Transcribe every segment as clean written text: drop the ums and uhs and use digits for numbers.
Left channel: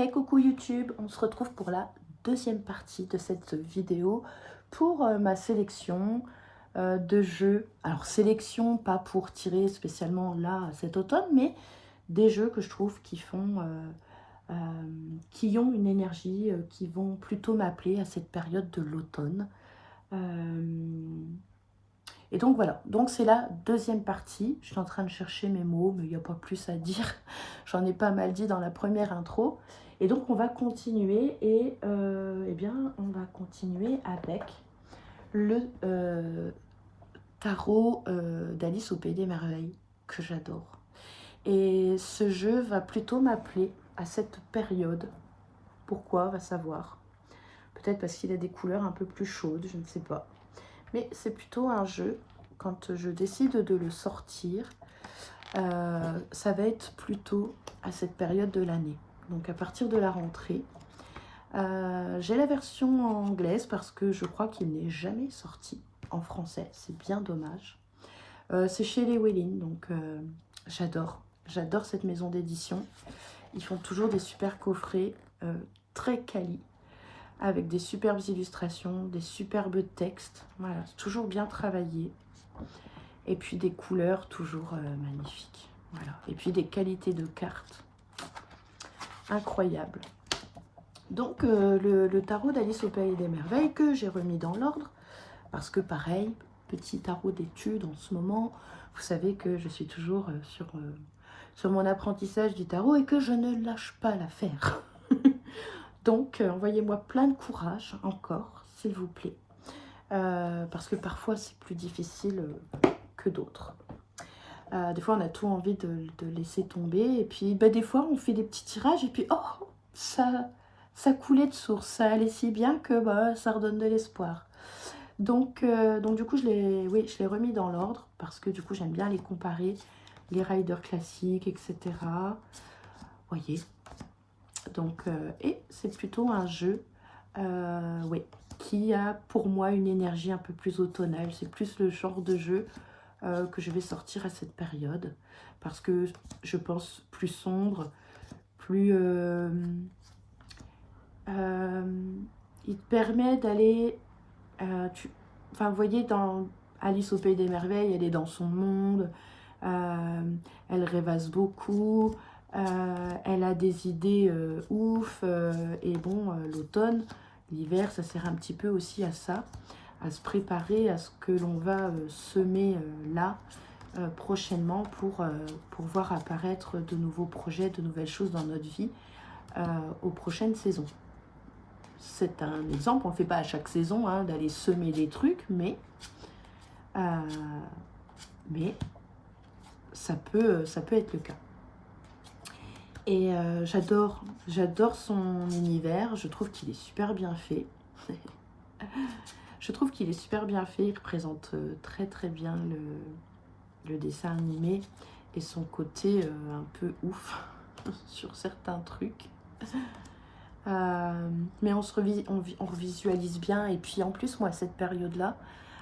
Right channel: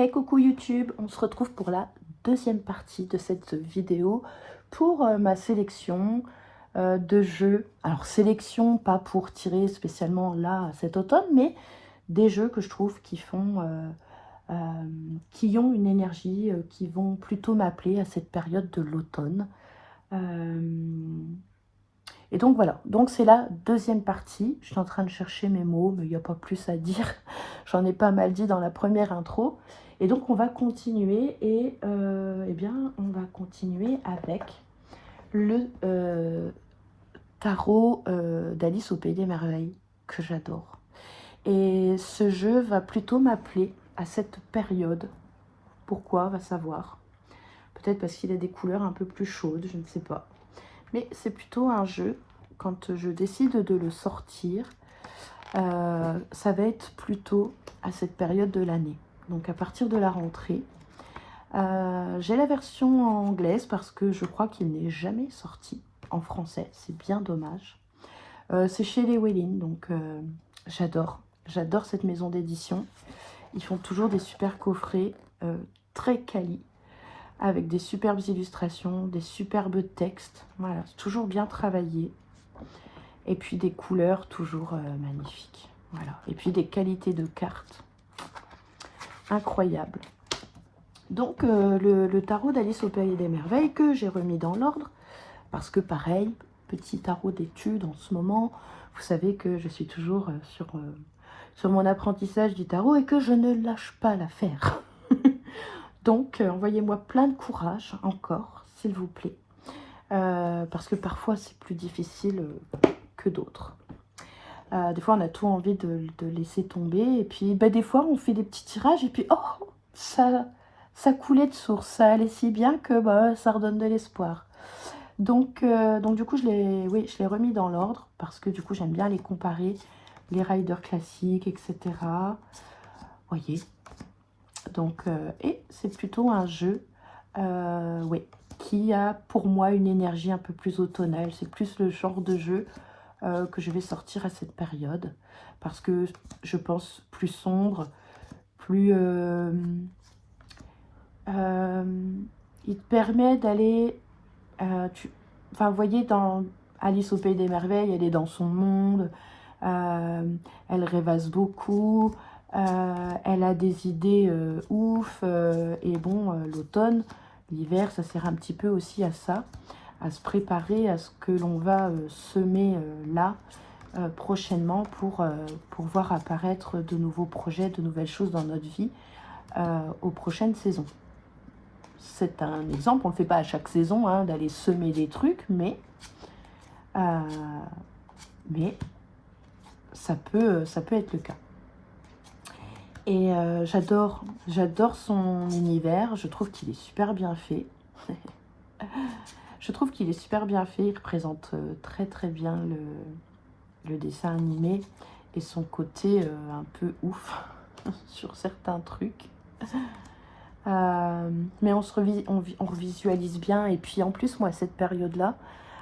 Hey coucou YouTube, on se retrouve pour la deuxième partie de cette vidéo pour ma sélection de jeux. Alors sélection pas pour tirer spécialement là cet automne, mais des jeux que je trouve qui qui ont une énergie, qui vont plutôt m'appeler à cette période de l'automne. Et donc voilà, donc c'est la deuxième partie. Je suis en train de chercher mes mots, mais il n'y a pas plus à dire. J'en ai pas mal dit dans la première intro. Et donc on va continuer et eh bien on va continuer avec le tarot d'Alice au Pays des Merveilles que j'adore. Et ce jeu va plutôt m'appeler à cette période. Pourquoi, va savoir. Peut-être parce qu'il a des couleurs un peu plus chaudes, je ne sais pas. Mais c'est plutôt un jeu, quand je décide de le sortir, ça va être plutôt à cette période de l'année. Donc à partir de la rentrée. J'ai la version anglaise parce que je crois qu'il n'est jamais sorti en français. C'est bien dommage. C'est chez les Wellin, donc j'adore. J'adore cette maison d'édition. Ils font toujours des super coffrets très quali, avec des superbes illustrations, des superbes textes. Voilà, c'est toujours bien travaillé. Et puis des couleurs toujours magnifiques. Voilà. Et puis des qualités de cartes incroyables. Donc le tarot d'Alice au Pays des Merveilles que j'ai remis dans l'ordre. Parce que pareil, petit tarot d'études en ce moment. Vous savez que je suis toujours sur mon apprentissage du tarot et que je ne lâche pas l'affaire. Donc, envoyez-moi plein de courage encore, s'il vous plaît. Parce que parfois, c'est plus difficile que d'autres. Des fois, on a tout envie de laisser tomber. Et puis, des fois, on fait des petits tirages. Et puis, oh, ça coulait de source. Ça allait si bien que ça redonne de l'espoir. Donc, du coup, je l'ai remis dans l'ordre. Parce que, du coup, j'aime bien les comparer. Les riders classiques, etc. Vous voyez. Donc, et c'est plutôt un jeu qui a pour moi une énergie un peu plus automnale. C'est plus le genre de jeu que je vais sortir à cette période. Parce que je pense plus sombre, plus... il te permet d'aller... Enfin, vous voyez, dans Alice au Pays des Merveilles, elle est dans son monde. Elle rêvasse beaucoup. Elle a des idées ouf, et bon, l'automne, l'hiver, ça sert un petit peu aussi à ça, à se préparer à ce que l'on va semer là prochainement pour voir apparaître de nouveaux projets, de nouvelles choses dans notre vie aux prochaines saisons. C'est un exemple, on ne le fait pas à chaque saison hein, d'aller semer des trucs, mais ça peut être le cas. Et j'adore son univers, je trouve qu'il est super bien fait. Je trouve qu'il est super bien fait, il représente très très bien le dessin animé et son côté un peu ouf sur certains trucs. Mais on revisualise bien, et puis en plus moi à cette période-là,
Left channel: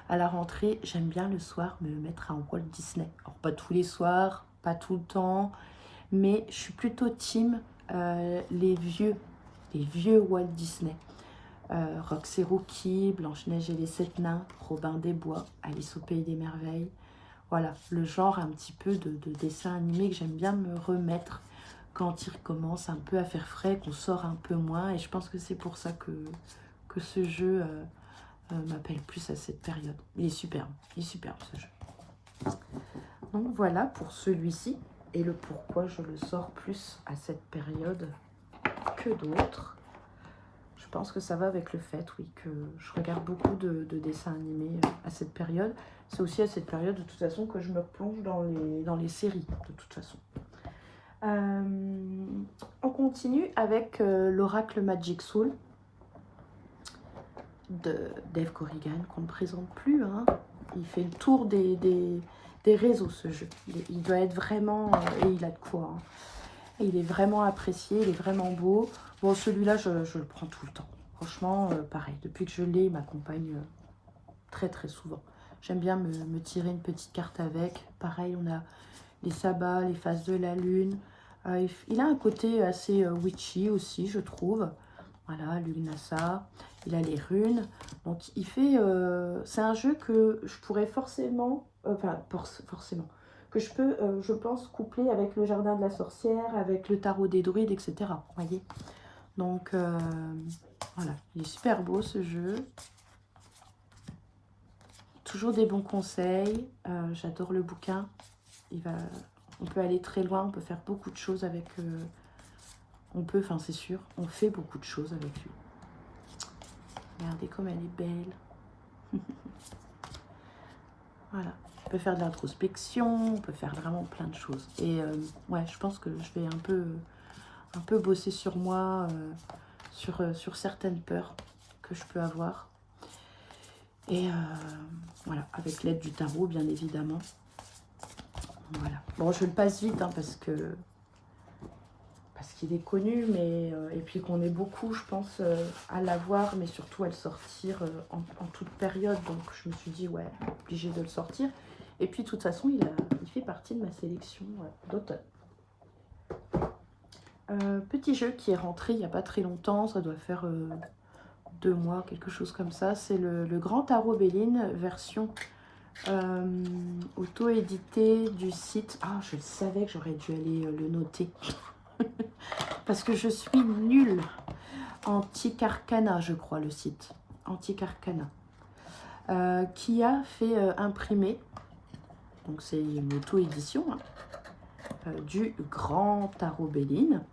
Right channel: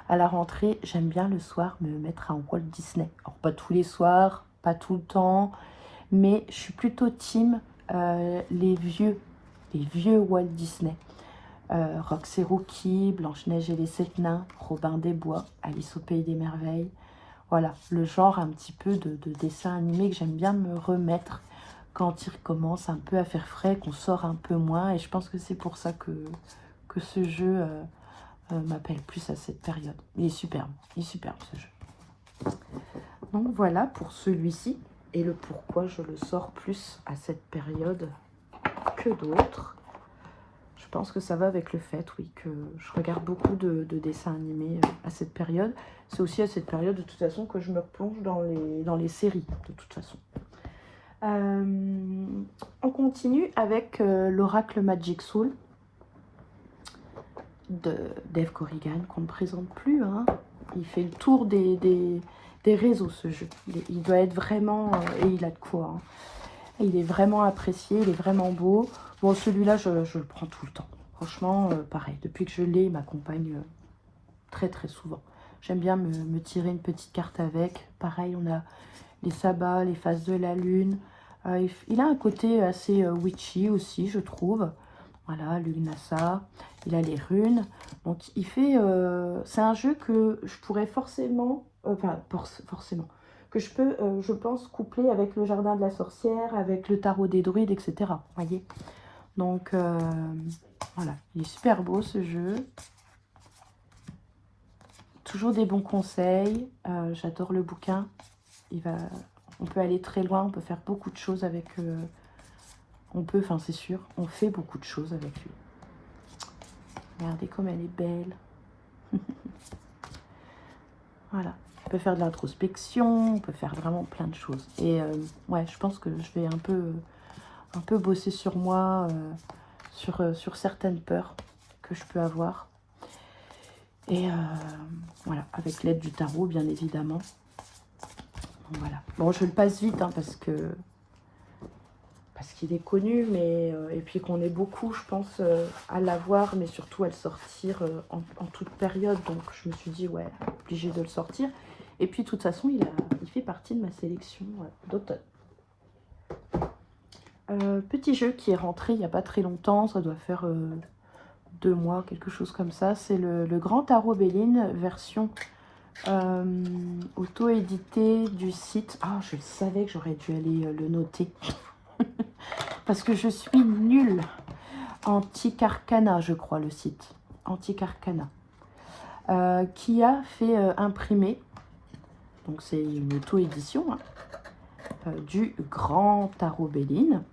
à la rentrée, j'aime bien le soir me mettre un Walt Disney. Alors pas tous les soirs, pas tout le temps, mais je suis plutôt team les vieux Walt Disney. Rox et Rookie, Blanche-Neige et les 7 nains, Robin des Bois, Alice au Pays des Merveilles. Voilà, le genre un petit peu de dessin animé que j'aime bien me remettre quand il commence un peu à faire frais, qu'on sort un peu moins. Et je pense que c'est pour ça que ce jeu m'appelle plus à cette période. Il est superbe ce jeu. Donc voilà pour celui-ci et le pourquoi je le sors plus à cette période que d'autres. Je pense que ça va avec le fait, oui, que je regarde beaucoup de dessins animés à cette période. C'est aussi à cette période, de toute façon, que je me plonge dans les séries, de toute façon. On continue avec l'Oracle Magic Soul de Dave Corrigan, qu'on ne présente plus. Hein. Il fait le tour des réseaux, ce jeu. Il doit être vraiment... et il a de quoi. Hein. Il est vraiment apprécié, il est vraiment beau. Bon, celui-là, je le prends tout le temps. Franchement, pareil, depuis que je l'ai, il m'accompagne très très souvent. J'aime bien me tirer une petite carte avec. Pareil, on a les sabbats, les phases de la lune. Il a un côté assez witchy aussi, je trouve. Voilà, le Nasa, il a les runes. Donc, il fait... c'est un jeu que je pourrais forcément... enfin, forcément. Que je peux, je pense, coupler avec le Jardin de la Sorcière, avec le Tarot des Druides, etc. Vous voyez? Donc, voilà. Il est super beau, ce jeu. Toujours des bons conseils. J'adore le bouquin. On peut aller très loin, on peut faire beaucoup de choses avec... enfin c'est sûr, on fait beaucoup de choses avec lui. Regardez comme elle est belle. Voilà. On peut faire de l'introspection, on peut faire vraiment plein de choses. Et ouais, je pense que je vais un peu bosser sur moi, sur certaines peurs que je peux avoir. Et voilà, avec l'aide du tarot, bien évidemment. Donc, voilà. Bon, je le passe vite, hein, parce qu'il est connu, mais et puis qu'on est beaucoup, je pense, à l'avoir, mais surtout à le sortir en toute période. Donc, je me suis dit, ouais, obligé de le sortir. Et puis, de toute façon, il fait partie de ma sélection d'automne. Petit jeu qui est rentré il n'y a pas très longtemps, ça doit faire 2 mois, quelque chose comme ça. C'est le Grand Tarot Béline, version auto-édité du site. Ah, je savais que j'aurais dû aller le noter. Parce que je suis nulle. Antique Arcana, je crois, le site. Antique Arcana. Qui a fait imprimer, donc c'est une auto-édition, hein, du Grand Tarot Béline.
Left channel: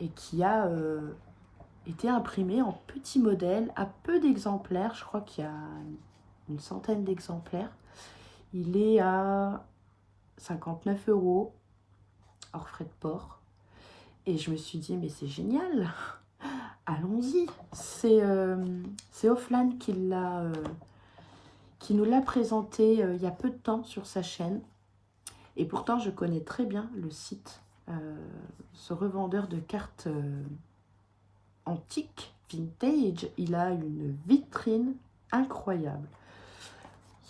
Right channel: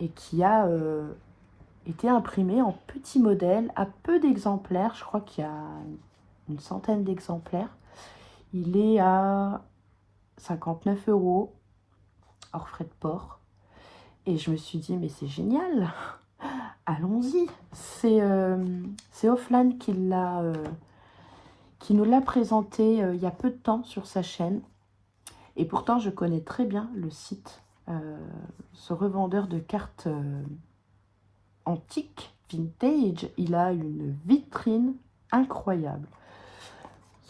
Et qui a été imprimé en petit modèle, à peu d'exemplaires. Je crois qu'il y a une centaine d'exemplaires. Il est à 59 €, hors frais de port. Et je me suis dit, mais c'est génial, allons-y. C'est Offline qui nous l'a présenté il y a peu de temps sur sa chaîne. Et pourtant, je connais très bien le site, ce revendeur de cartes antiques, vintage. Il a une vitrine incroyable.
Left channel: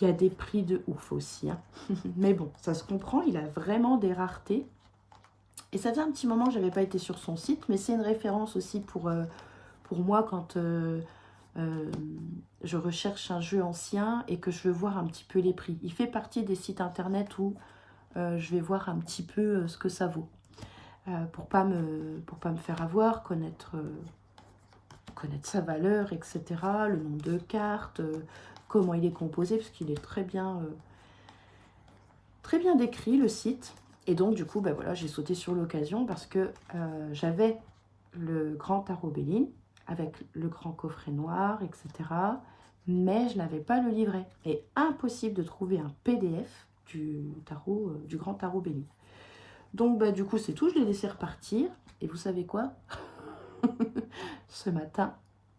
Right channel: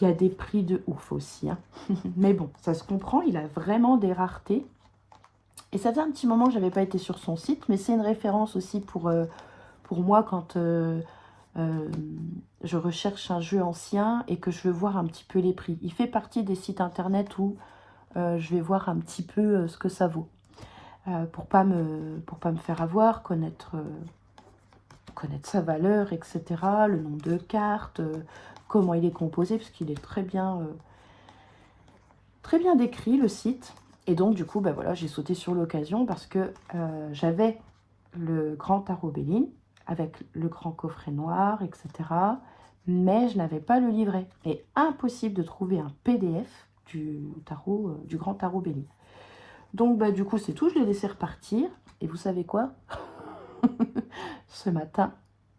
Il y a des prix de ouf aussi, hein. Mais bon, ça se comprend, il a vraiment des raretés. Et ça faisait un petit moment que je n'avais pas été sur son site, mais c'est une référence aussi pour moi quand je recherche un jeu ancien et que je veux voir un petit peu les prix. Il fait partie des sites internet où je vais voir un petit peu ce que ça vaut. Pour pas me faire avoir, connaître sa valeur, etc. Le nombre de cartes, comment il est composé, parce qu'il est très bien décrit, le site. Et donc, du coup, bah voilà, j'ai sauté sur l'occasion parce que j'avais le Grand Tarot Béline avec le grand coffret noir, etc. Mais je n'avais pas le livret. Et impossible de trouver un PDF du Grand Tarot Béline. Donc, bah, du coup, c'est tout. Je l'ai laissé repartir. Et vous savez quoi? Ce matin,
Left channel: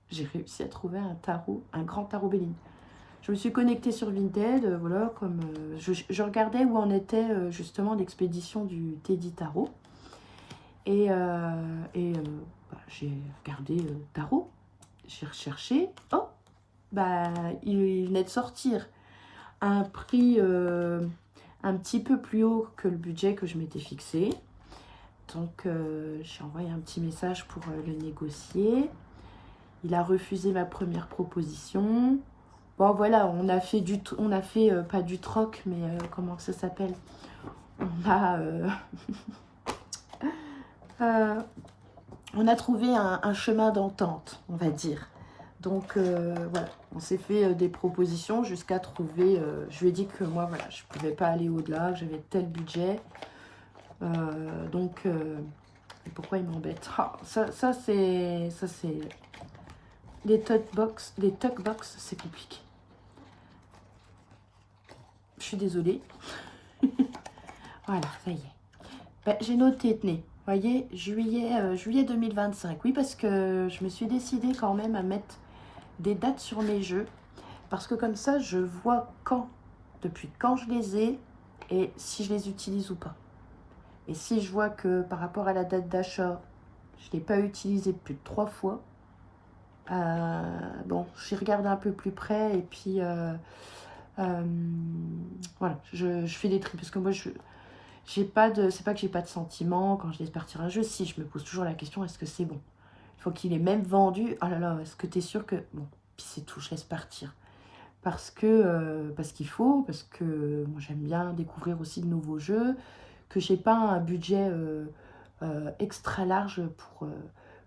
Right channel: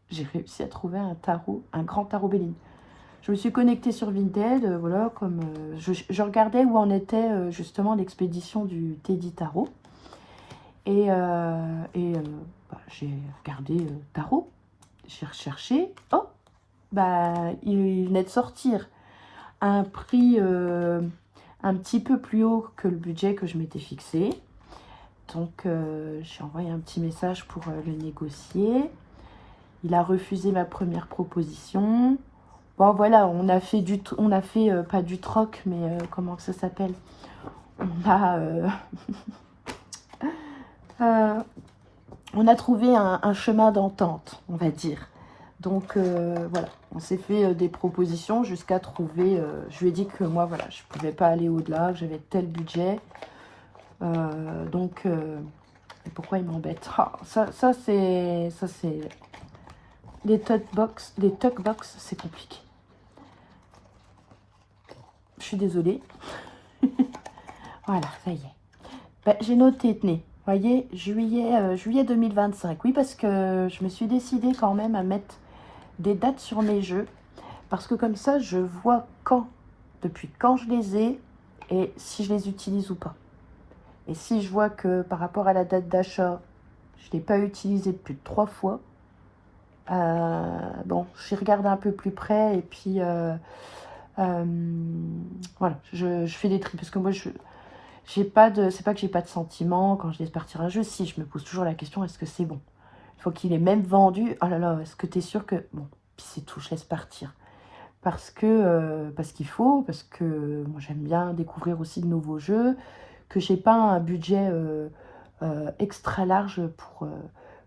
j'ai réussi à trouver un Grand Tarot Béline. Je me suis connectée sur Vinted, voilà, comme je regardais où en était justement l'expédition du Teddy Tarot. Et bah, j'ai regardé Tarot, j'ai recherché. Oh, bah, il venait de sortir un prix un petit peu plus haut que le budget que je m'étais fixé. Donc, j'ai envoyé un petit message pour le négocier. Il a refusé ma première proposition. Bon, voilà, on a fait pas du troc, mais comment ça s'appelle? On a trouvé un chemin d'entente, on va dire. Donc, voilà, on s'est fait des propositions jusqu'à trouver... je lui ai dit que moi, voilà, je ne pouvais pas aller au-delà, que j'avais tel budget. Donc, pourquoi il m'embête? Ça c'est... Les talkbox, c'est compliqué. Je suis désolée. Voilà, ça y est. Bah, j'ai noté, tenez, voyez, juillet 2025. Oui, parce que je me suis décidée quand même à mettre des dates sur mes jeux. Parce que comme ça, je vois depuis quand je les ai et si je les utilise ou pas. Et si je vois que par rapport à la date d'achat, je ne l'ai pas utilisé plus de 3 fois, bon, j'y regarde un peu plus près et puis voilà, je fais des tri parce que moi c'est pas que j'ai pas de sentiments quand je laisse partir un jeu. Si, je me pose toujours la question, est-ce que c'est bon? Il faut qu'il est même vendu. Oh là là, est-ce que tu es sûr que... Bon, puis c'est tout, je laisse partir. Parce qu'il faut, parce que moi j'aime bien découvrir aussi de nouveaux jeux, que j'ai pas un budget extra large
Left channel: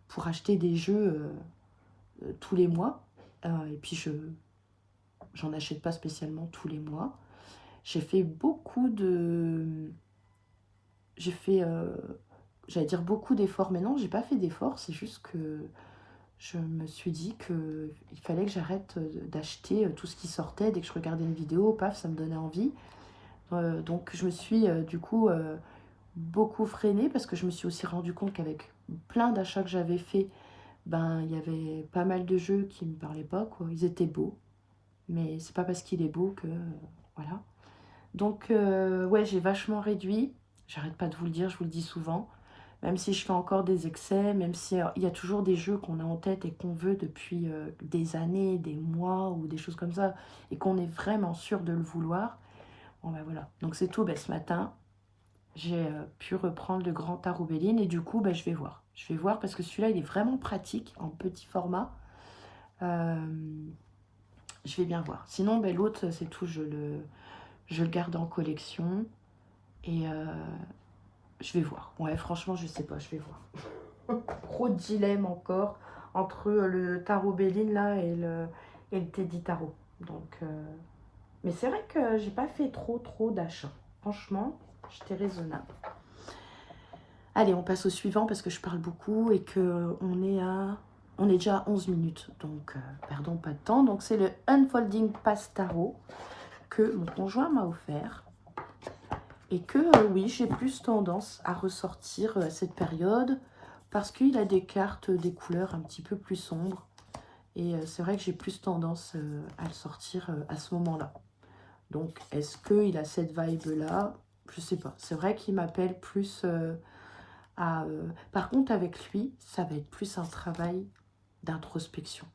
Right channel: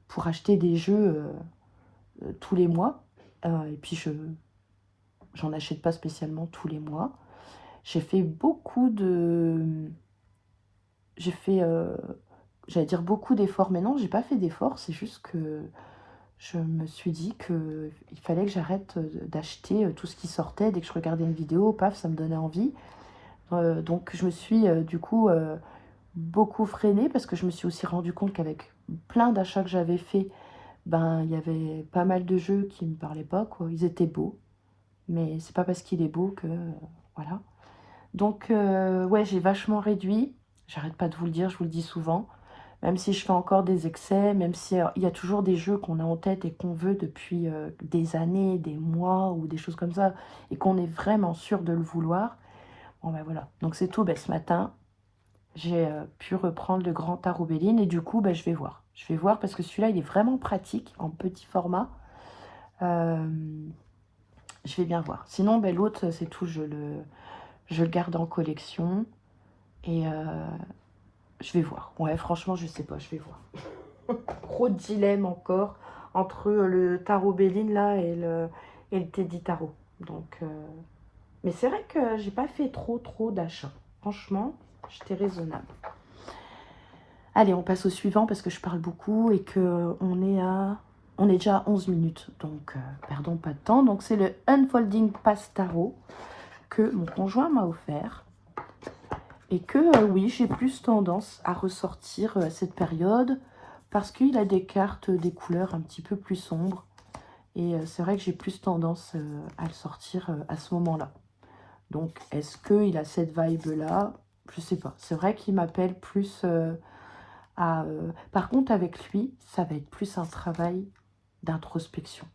pour acheter des jeux tous les mois. Et puis j'en achète pas spécialement tous les mois. J'ai fait beaucoup de... J'ai fait, j'allais dire beaucoup d'efforts, mais non, j'ai pas fait d'efforts, c'est juste que je me suis dit qu'il fallait que j'arrête d'acheter tout ce qui sortait. Dès que je regardais une vidéo, paf, ça me donnait envie. Donc je me suis du coup beaucoup freinée parce que je me suis aussi rendu compte qu'avec plein d'achats que j'avais fait, ben il y avait pas mal de jeux qui me parlaient pas, quoi. Ils étaient beaux, mais c'est pas parce qu'il est beau que voilà. Donc ouais, j'ai vachement réduit. J'arrête pas de vous le dire, je vous le dis souvent. Même si je fais encore des excès, même si il y a toujours des jeux qu'on a en tête et qu'on veut depuis des années, des mois ou des choses comme ça, et qu'on est vraiment sûr de le vouloir. Bon ben voilà, donc c'est tout. Ben, ce matin, j'ai pu reprendre le grand tarot Béline et du coup, ben, je vais voir. Je vais voir parce que celui-là, il est vraiment pratique, en petit format. Euh, je vais bien voir. Sinon, ben, l'autre, c'est tout, je le garde en collection et je vais voir. Ouais, franchement, je sais pas, je vais voir. Gros dilemme encore entre le tarot Béline là et le Teddy Tarot. Donc, mais c'est vrai que j'ai pas fait trop d'achats. Franchement, j'étais raisonnable. Allez, on passe au suivant parce que je parle beaucoup et que on est déjà à 11 minutes. Donc, perdons pas de temps. Donc, c'est le Unfolding Pass Tarot que mon conjoint m'a offert. Et que, oui, j'ai plus tendance à ressortir à cette période parce qu'il a des cartes, des couleurs un petit peu plus sombres. Et c'est vrai que j'ai plus tendance à le sortir à ce moment-là. Donc, est-ce qu'il a cette vibe-là? Je sais pas. C'est vrai qu'il m'appelle plus à... Par contre, avec lui, ça va être plus un travail d'introspection.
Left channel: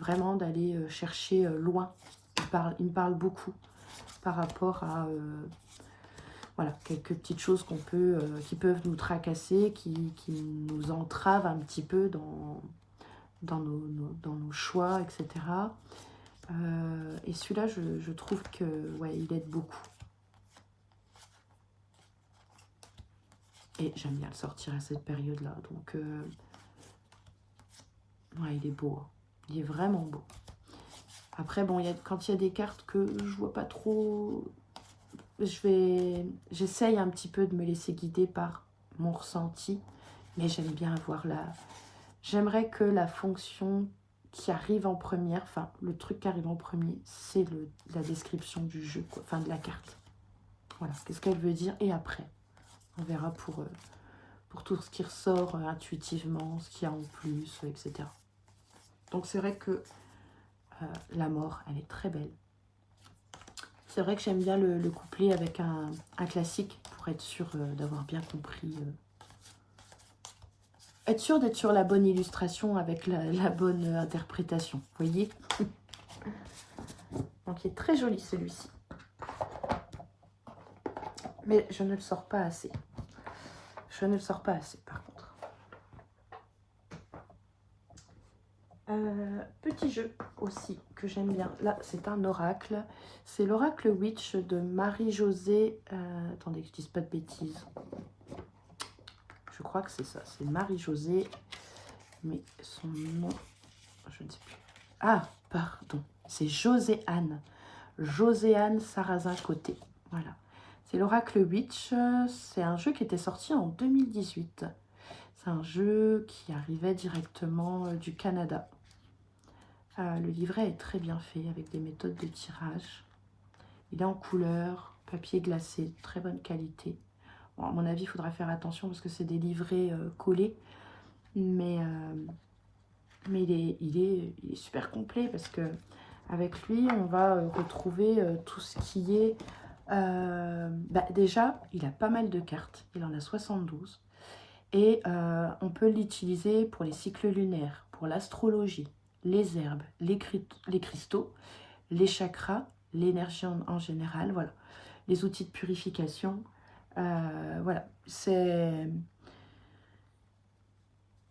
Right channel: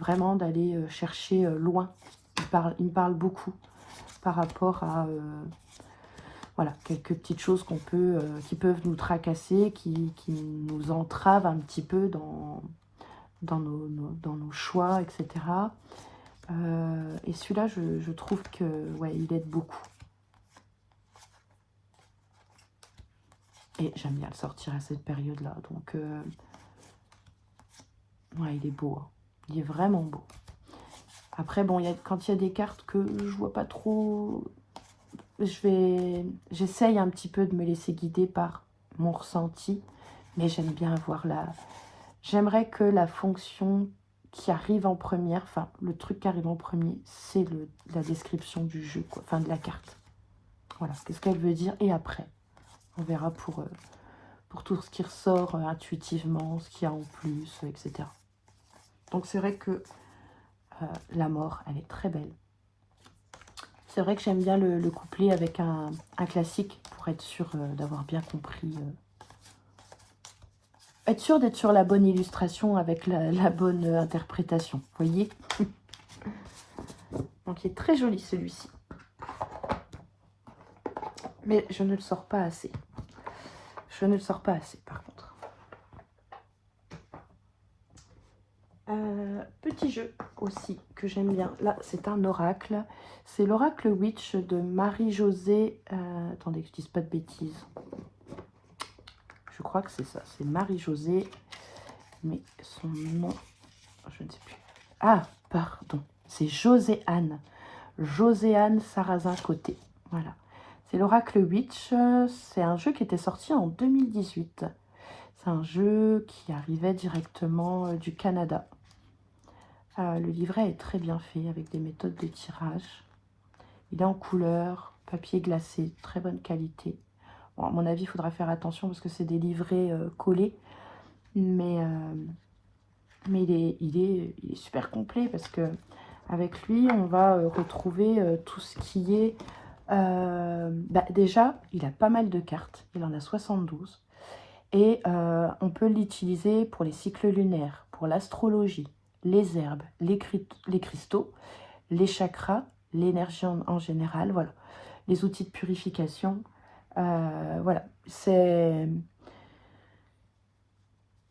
Vraiment d'aller chercher loin. Il me parle beaucoup par rapport à... voilà, quelques petites choses qui peuvent nous tracasser, qui nous entravent un petit peu dans nos choix, etc. Et celui-là, je trouve que ouais, il aide beaucoup. Et j'aime bien le sortir à cette période-là. Donc, ouais, il est beau. Hein. Il est vraiment beau. Après, bon, quand il y a des cartes que je vois pas trop... J'essaye un petit peu de me laisser guider par mon ressenti. Mais j'aime bien avoir la... J'aimerais que la fonction qui arrive en première, enfin, le truc qui arrive en premier, c'est la description du jeu, quoi, enfin, de la carte. Voilà, qu'est-ce qu'elle veut dire. Et après, on verra pour tout ce qui ressort intuitivement, ce qu'il y a en plus, etc. Donc, c'est vrai que la mort, elle est très belle. C'est vrai que j'aime bien le coupler avec un classique pour être sûr d'avoir bien compris. Être sûr d'être sur la bonne illustration avec la bonne interprétation. Vous voyez? Donc, il est très joli celui-ci. Mais je ne le sors pas assez. Je ne le sors pas assez, par contre. Petit jeu aussi que j'aime bien. Là, c'est un oracle. C'est l'oracle Witch de Marie-Josée. Attendez que je dise pas de bêtises. Je crois que c'est ça. C'est Marie-Josée. Mais son nom, je ne sais plus. Ah, pardon. C'est Joséanne. Joséanne Sarrazin-Côté. Voilà. C'est l'oracle Witch. C'est un jeu qui était sorti en 2018. C'est un jeu qui arrivait directement du Canada. Le livret est très bien fait avec des méthodes de tirage. Il est en couleur, papier glacé, très bonne qualité. Bon, à mon avis, il faudra faire attention parce que c'est des livrets collés. Mais il est super complet parce que avec lui, on va retrouver tout ce qui est... déjà, il a pas mal de cartes. Il en a 72. Et on peut l'utiliser pour les cycles lunaires, pour l'astrologie, les herbes, les cristaux, les chakras, l'énergie en général, voilà. les outils de purification. Voilà, c'est...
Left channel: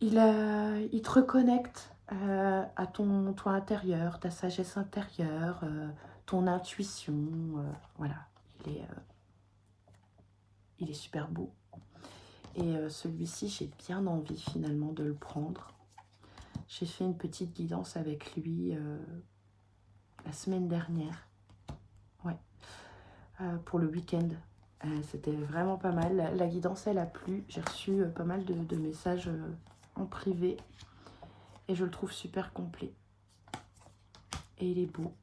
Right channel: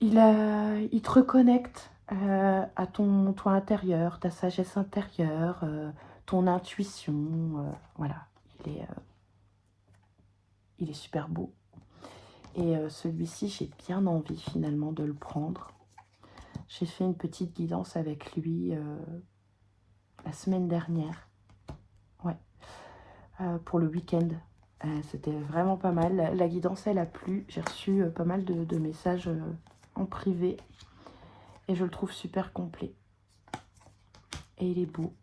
Il te reconnecte à toi intérieur, ta sagesse intérieure, ton intuition. Voilà, il est super beau. Et celui-ci, j'ai bien envie finalement de le prendre. J'ai fait une petite guidance avec lui la semaine dernière. Ouais, pour le week-end. C'était vraiment pas mal. La guidance, elle a plu. J'ai reçu pas mal de messages en privé. Et je le trouve super complet. Et il est beau.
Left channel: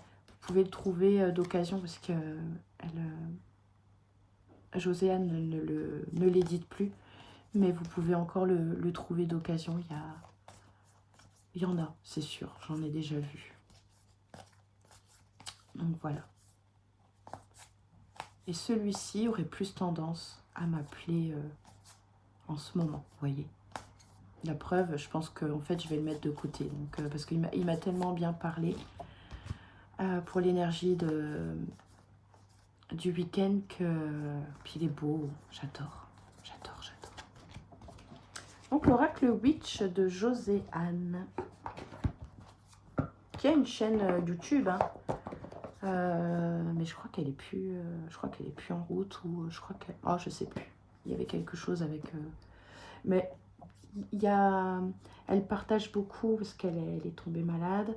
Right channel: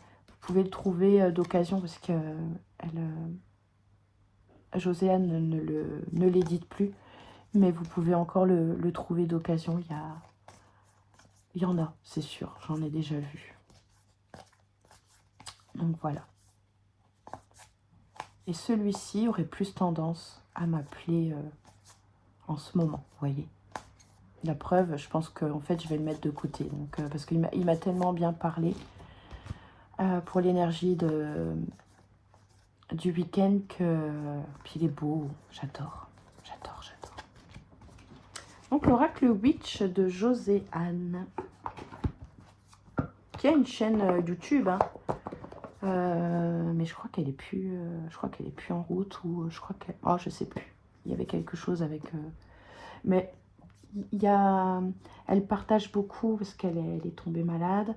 Vous pouvez le trouver d'occasion parce que Joséane ne l'édite plus. Mais vous pouvez encore le trouver d'occasion. Il y en a, c'est sûr. J'en ai déjà vu. Donc voilà. Et celui-ci aurait plus tendance à m'appeler en ce moment, vous voyez. La preuve, je pense qu'en fait, je vais le mettre de côté. Donc, parce qu'il m'a tellement bien parlé pour l'énergie du week-end que... Puis il est beau, j'adore, j'adore, j'adore. Donc l'oracle Witch de Joséane, qui a une chaîne YouTube, hein. Mais je crois qu'elle est plus, en route ou je crois qu'elle, oh je sais plus. Il y avait quelque chose avec, mais elle partage beaucoup parce qu'elle est tombée malade.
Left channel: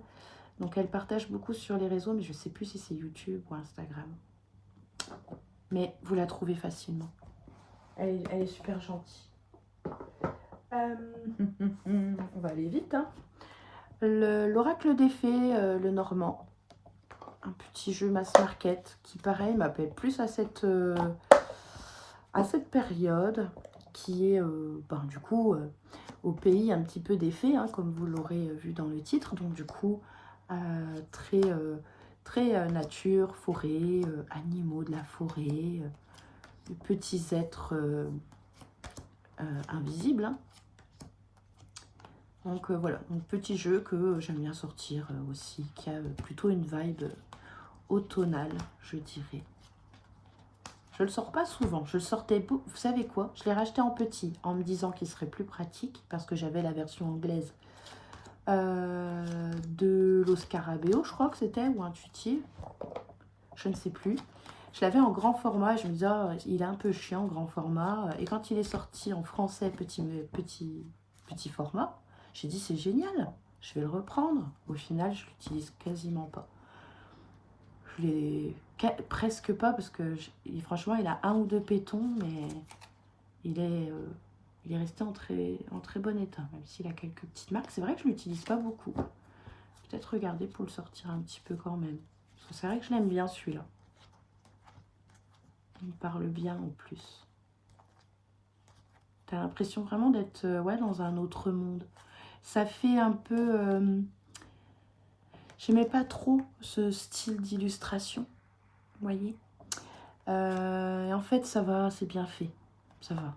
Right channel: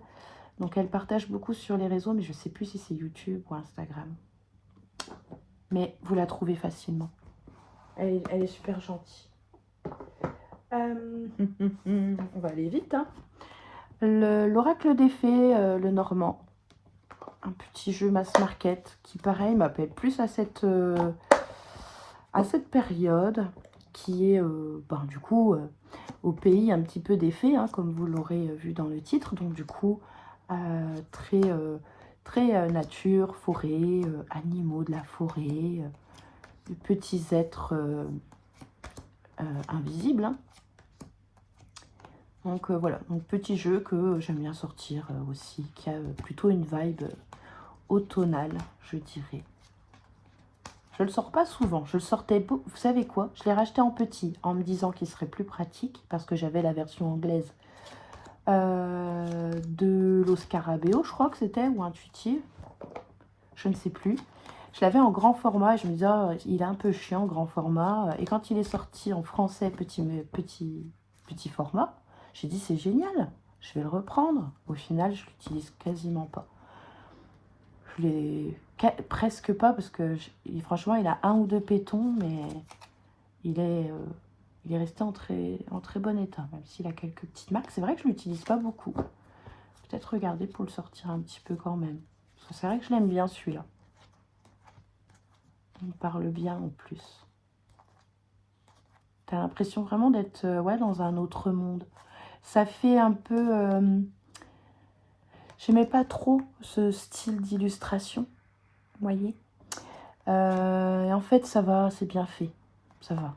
Donc elle partage beaucoup sur les réseaux, mais je sais plus si c'est YouTube ou Instagram. Mais vous la trouvez facilement. Elle est super gentille. On va aller vite, hein. L'oracle des fées, le normand. Un petit jeu mass market qui, pareil, m'appelle plus à cette période qui est, du coup, au pays un petit peu des fées, hein, comme vous l'aurez vu dans le titre. Donc, du coup, très nature, forêt, animaux de la forêt, petits êtres invisibles, hein. Donc voilà, donc petit jeu que j'aime bien sortir aussi, qui a plutôt une vibe automnale, je dirais. Je le sors pas souvent, je le sortais, vous savez quoi, je l'ai racheté en petit, en me disant qu'il serait plus pratique, parce que j'avais la version anglaise de l'Oscarabeo, je crois que c'était, ou Intuitive, je ne sais plus. Je l'avais en grand format, je me disais, oh, il est un peu chiant, grand format. Et quand il est sorti en français, petit format, j'ai dit, c'est génial, je vais le reprendre. Au final, je l'utilise quasiment pas. Je l'ai presque pas, parce que franchement, il a 1 ou 2 pétons, mais il est resté en très bon état, même s'il a quelques petites marques. C'est vrai que je ne l'utilise pas beaucoup. Peut-être regarder pour le sortir un petit peu quand même. Parce que c'est vrai que je l'aime bien celui-là. Il parle bien en plus. T'as l'impression vraiment d'être dans un autre monde. Ça fait un peu... j'aimais pas trop ce style d'illustration. Vous voyez. En fait, ça va, c'est bien fait. Ça va.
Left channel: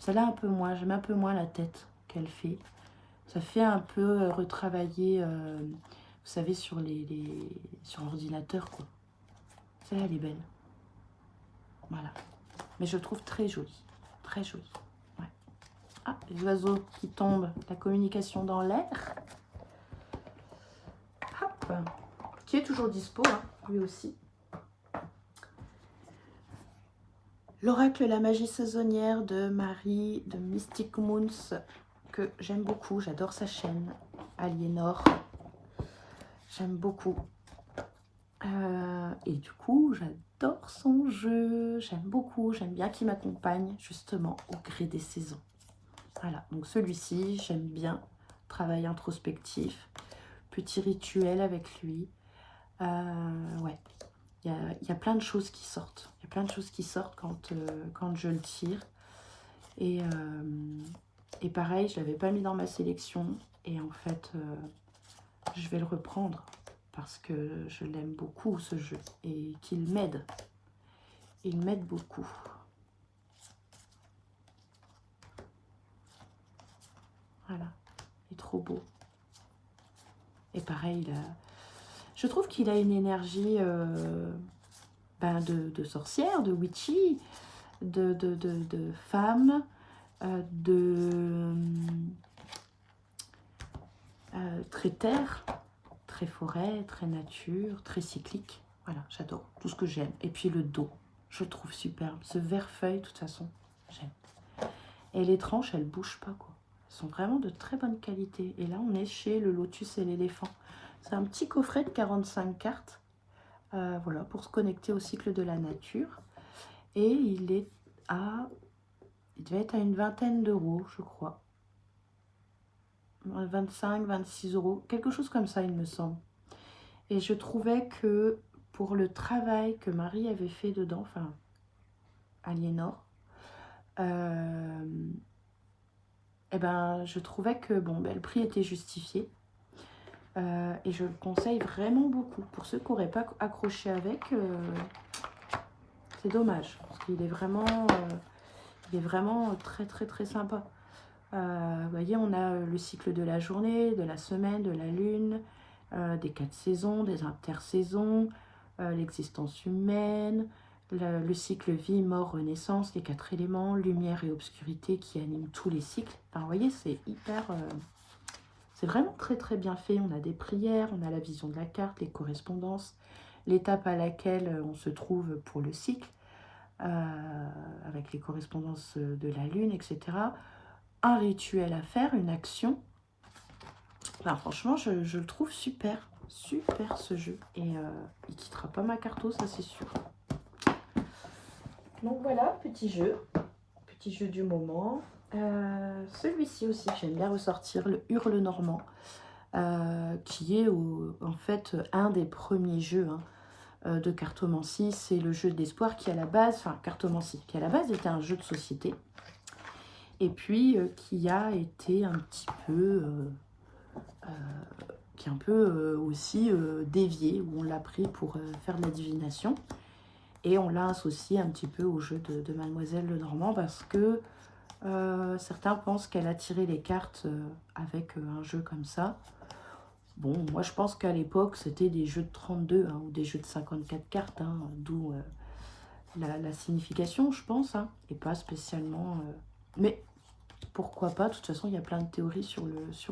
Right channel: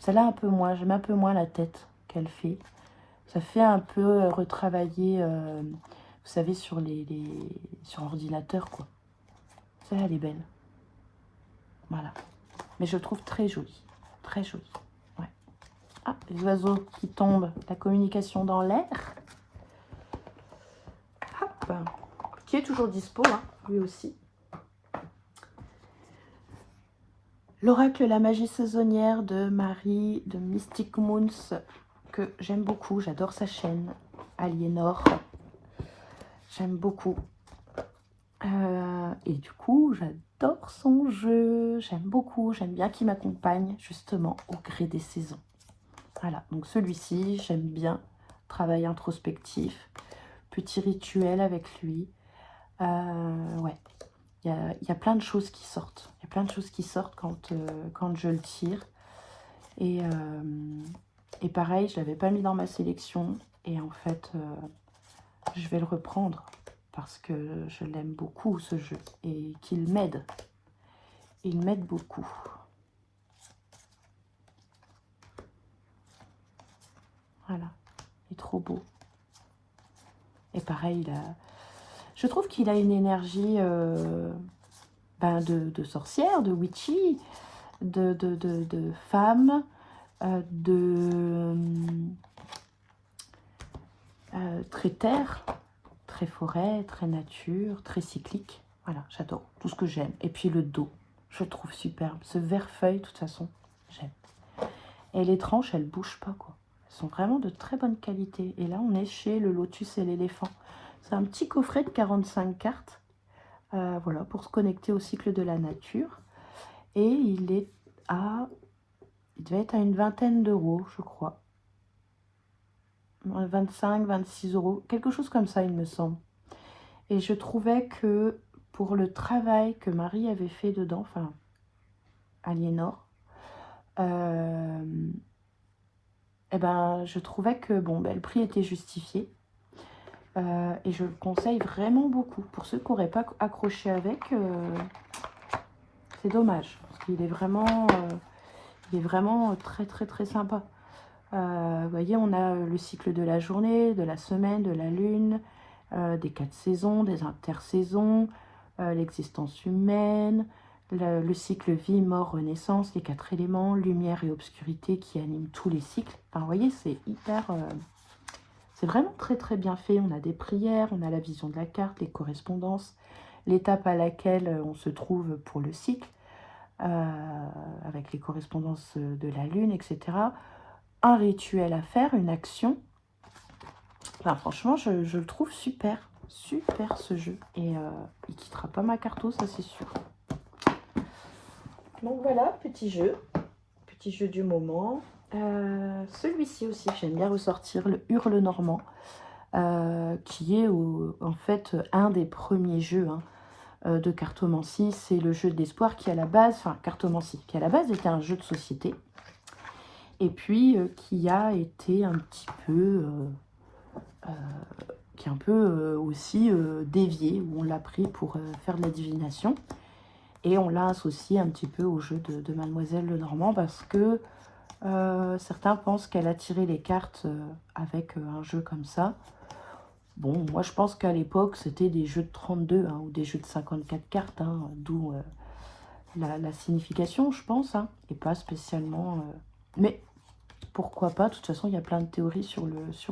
Ça l'a un peu moins. J'aime un peu moins la tête qu'elle fait. Ça fait un peu retravailler, vous savez, sur ordinateur, quoi. Ça, elle est belle. Voilà. Mais je le trouve très joli. Très joli. Ouais. Ah, les oiseaux qui tombent. La communication dans l'air. Hop. Qui est toujours dispo, hein, lui aussi. L'oracle La magie saisonnière de Marie de Mystic Moons, que j'aime beaucoup. J'adore sa chaîne. Aliénor. J'aime beaucoup. Et du coup, j'adore son jeu. J'aime beaucoup. J'aime bien qu'il m'accompagne justement au gré des saisons. Voilà, donc celui-ci, j'aime bien. Travail introspectif. Petit rituel avec lui. Ouais, il y a plein de choses qui sortent. Il y a plein de choses qui sortent quand je le tire. Et pareil, je ne l'avais pas mis dans ma sélection. Et en fait, je vais le reprendre. Parce que je l'aime beaucoup, ce jeu. Et qu'il m'aide. Il m'aide beaucoup. Voilà. Il est trop beau. Et pareil, je trouve qu'il a une énergie de sorcières, de witchy, de femmes, très terre, très forêt, très nature, très cyclique. Voilà, j'adore, tout ce que j'aime. Et puis le dos, je le trouve superbe. Ce vert feuille, de toute façon, j'aime. Et les tranches, elles bougent pas, quoi. Elles sont vraiment de très bonne qualité. Et là, on est chez le lotus et l'éléphant. C'est un petit coffret de 45 cartes. Voilà, pour se connecter au cycle de la nature. Et il devait être à une vingtaine d'euros, je crois. 25, 26 euros, quelque chose comme ça, il me semble. Et je trouvais que pour le travail que Marie avait fait dedans, enfin, Aliénor, eh ben, je trouvais que bon, ben, le prix était justifié. Et je le conseille vraiment beaucoup. Pour ceux qui n'auraient pas accroché avec, c'est dommage. Parce qu'il est vraiment très très très sympa. Vous voyez, on a le cycle de la journée, de la semaine, de la lune, des 4 saisons, des intersaisons, l'existence humaine, le cycle vie, mort, renaissance, les 4 éléments, lumière et obscurité qui animent tous les cycles. Enfin, vous voyez, c'est hyper... c'est vraiment très très bien fait. On a des prières, on a la vision de la carte, les correspondances, l'étape à laquelle on se trouve pour le cycle, avec les correspondances de la lune, etc. Un rituel à faire, une action. Enfin, franchement, je le trouve super, super ce jeu. Et il quittera pas ma carto, ça c'est sûr. Donc voilà, petit jeu du moment. Celui-ci aussi, j'aime bien ressortir, le Hurle Normand, qui est en fait un des premiers jeux de cartomancie. C'est le jeu d'espoir qui à la base, enfin cartomancie, qui à la base était un jeu de société. Et puis qui a été un petit peu, aussi dévié, où on l'a pris pour faire de la divination. Et on l'a associé un petit peu au jeu de Mademoiselle Lenormand parce que certains pensent qu'elle a tiré les cartes avec un jeu comme ça. Bon, moi je pense qu'à l'époque c'était des jeux de 32 ou des jeux de 54 cartes, d'où la signification, je pense, et pas spécialement... Mais pourquoi pas, de toute façon il y a plein de théories sur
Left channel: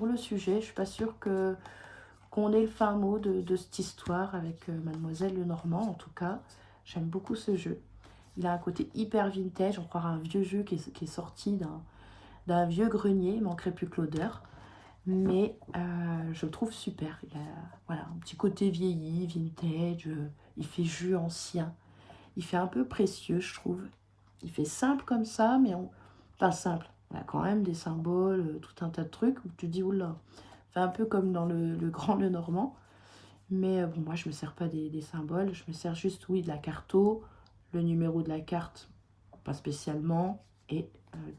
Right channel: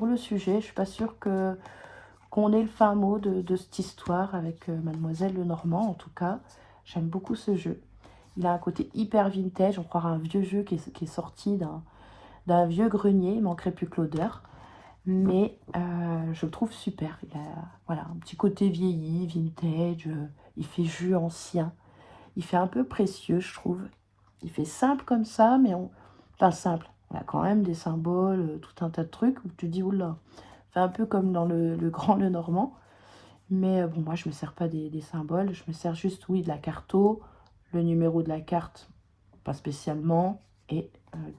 le sujet. Je suis pas sûre qu'on ait le fin mot de cette histoire avec Mademoiselle Lenormand. En tout cas, j'aime beaucoup ce jeu. Il a un côté hyper vintage, on croirait un vieux jeu qui est sorti d'un vieux grenier, il manquerait plus que l'odeur. Mais je le trouve super. Il a voilà, un petit côté vieilli, vintage, il fait jeu ancien. Il fait un peu précieux, je trouve. Il fait simple comme ça, mais enfin simple. Il a quand même des symboles, tout un tas de trucs où tu dis, oula, c'est un peu comme dans le Grand Lenormand. Mais bon, moi, je ne me sers pas des symboles. Je me sers juste, oui, de la carto, le numéro de la carte, pas spécialement, et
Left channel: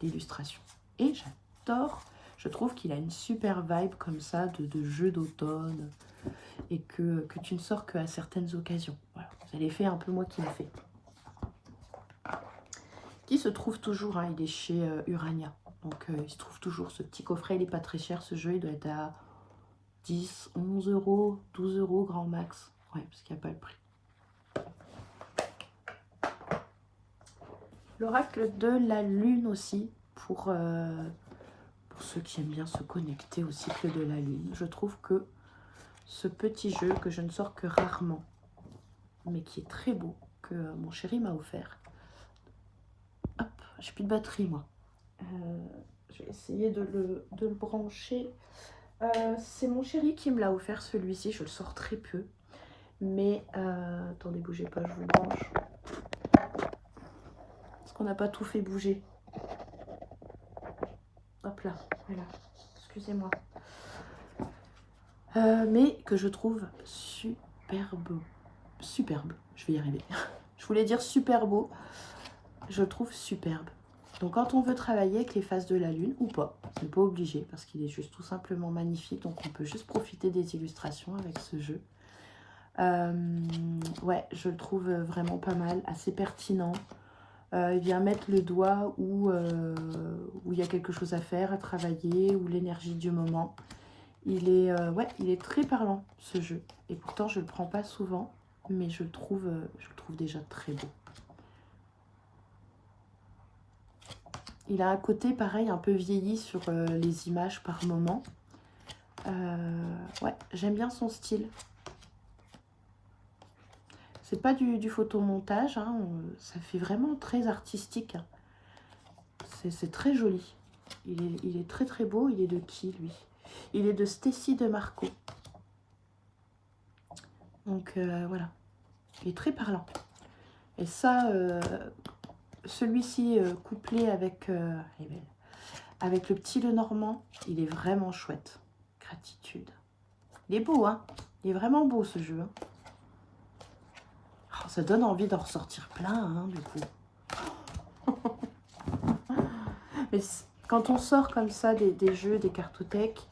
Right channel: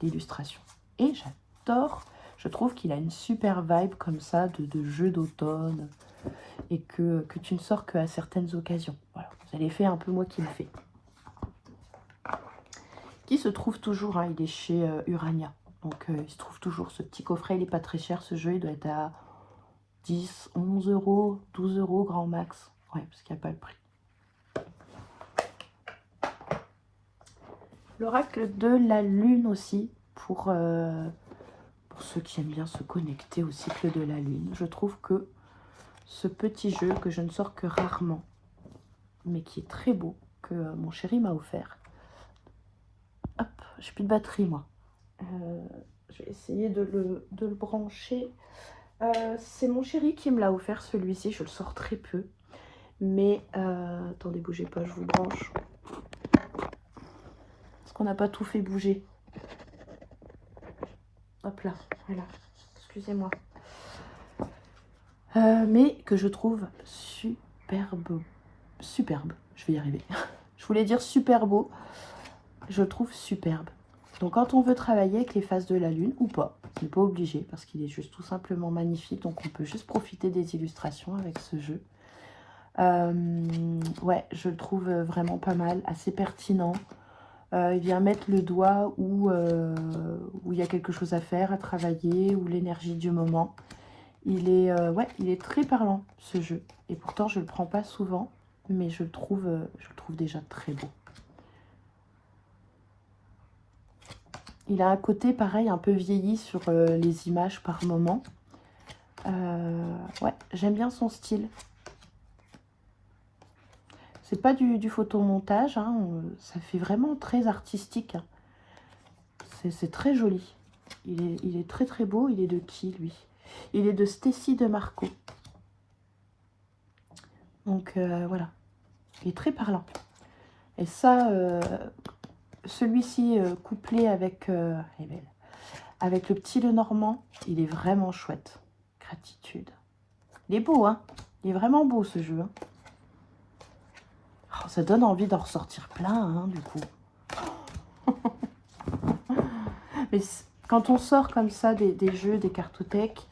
d'illustration. Et j'adore, je trouve qu'il a une super vibe comme ça de jeu d'automne et que tu ne sors qu'à certaines occasions. Voilà, c'est l'effet un peu moi qui me fait. Qui se trouve toujours, il est chez Urania. Donc il se trouve toujours ce petit coffret, il n'est pas très cher ce jeu, il doit être à 10, 11 euros, 12 euros grand max. Ouais, parce qu'il n'y a pas le prix. L'oracle de la lune aussi, pour ceux qui aiment bien se connecter au cycle de la lune. Je trouve que ce petit jeu que je ne sors que rarement, mais qui est très beau, que mon chéri m'a offert. Hop, j'ai plus de batterie moi. Je vais essayer de le brancher. C'est mon chéri qui me l'a offert celui-ci, je le sors très peu. Mais, attendez, bougez pas, je vous le branche. Parce qu'on n'a pas tout fait bouger. Hop là, voilà, excusez-moi. Mais que je trouve superbe. Superbe, je vais y arriver. Je voulais dire super beau. Je le trouve superbe. Donc quand on veut travailler avec les phases de la lune, ou pas, on n'est pas obligé, parce qu'il est juste tout simplement magnifique. Donc on peut juste profiter des illustrations avec ce jeu. Ouais, je le trouve vraiment pas mal, assez pertinent. Il vient mettre le doigt où il y a quelque chose à faire, à travailler, ou l'énergie du moment. Il est très parlant, ce jeu. Et pourtant, je ne le prends pas souvent. mais je le trouve déjà très beau. Il a un côté pareil, un peu vieilli sur les images par moment. Ouais, j'aime bien son style. C'est pas du photomontage, hein, ça fait vraiment très artistique. Hein. C'est très joli. Il est très très beau. Il est de qui, lui? Il est de Stécie de Marco. Donc voilà, il est très parlant. Et ça, celui-ci couplé avec, avec le petit Lenormand, il est vraiment chouette. Gratitude. Il est beau, hein? Il est vraiment beau ce jeu. Hein. Oh, ça donne envie d'en ressortir plein, hein, du coup. Mais quand on sort comme ça des jeux, des cartothèques,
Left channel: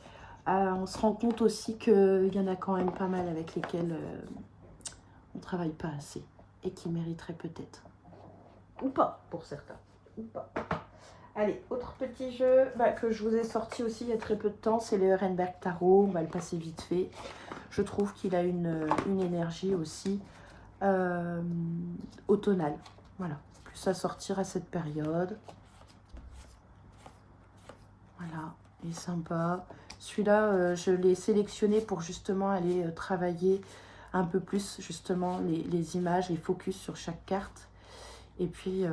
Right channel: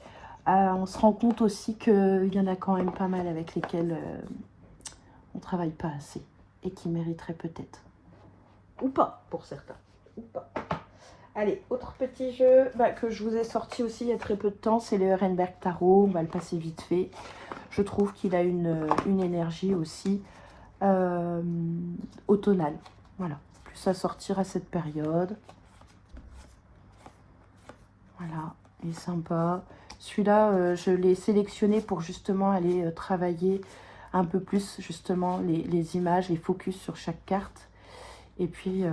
on se rend compte aussi qu'il y en a quand même pas mal avec lesquels on travaille pas assez et qui mériteraient peut-être. Ou pas, pour certains. Ou pas. Allez, autre petit jeu que je vous ai sorti aussi il y a très peu de temps, c'est le Ehrenberg Tarot. On va le passer vite fait. Je trouve qu'il a une énergie aussi automnale. Voilà, plus à sortir à cette période. Voilà, il est sympa. Celui-là, je l'ai sélectionné pour justement aller travailler un peu plus justement les images, les focus sur chaque carte. Et puis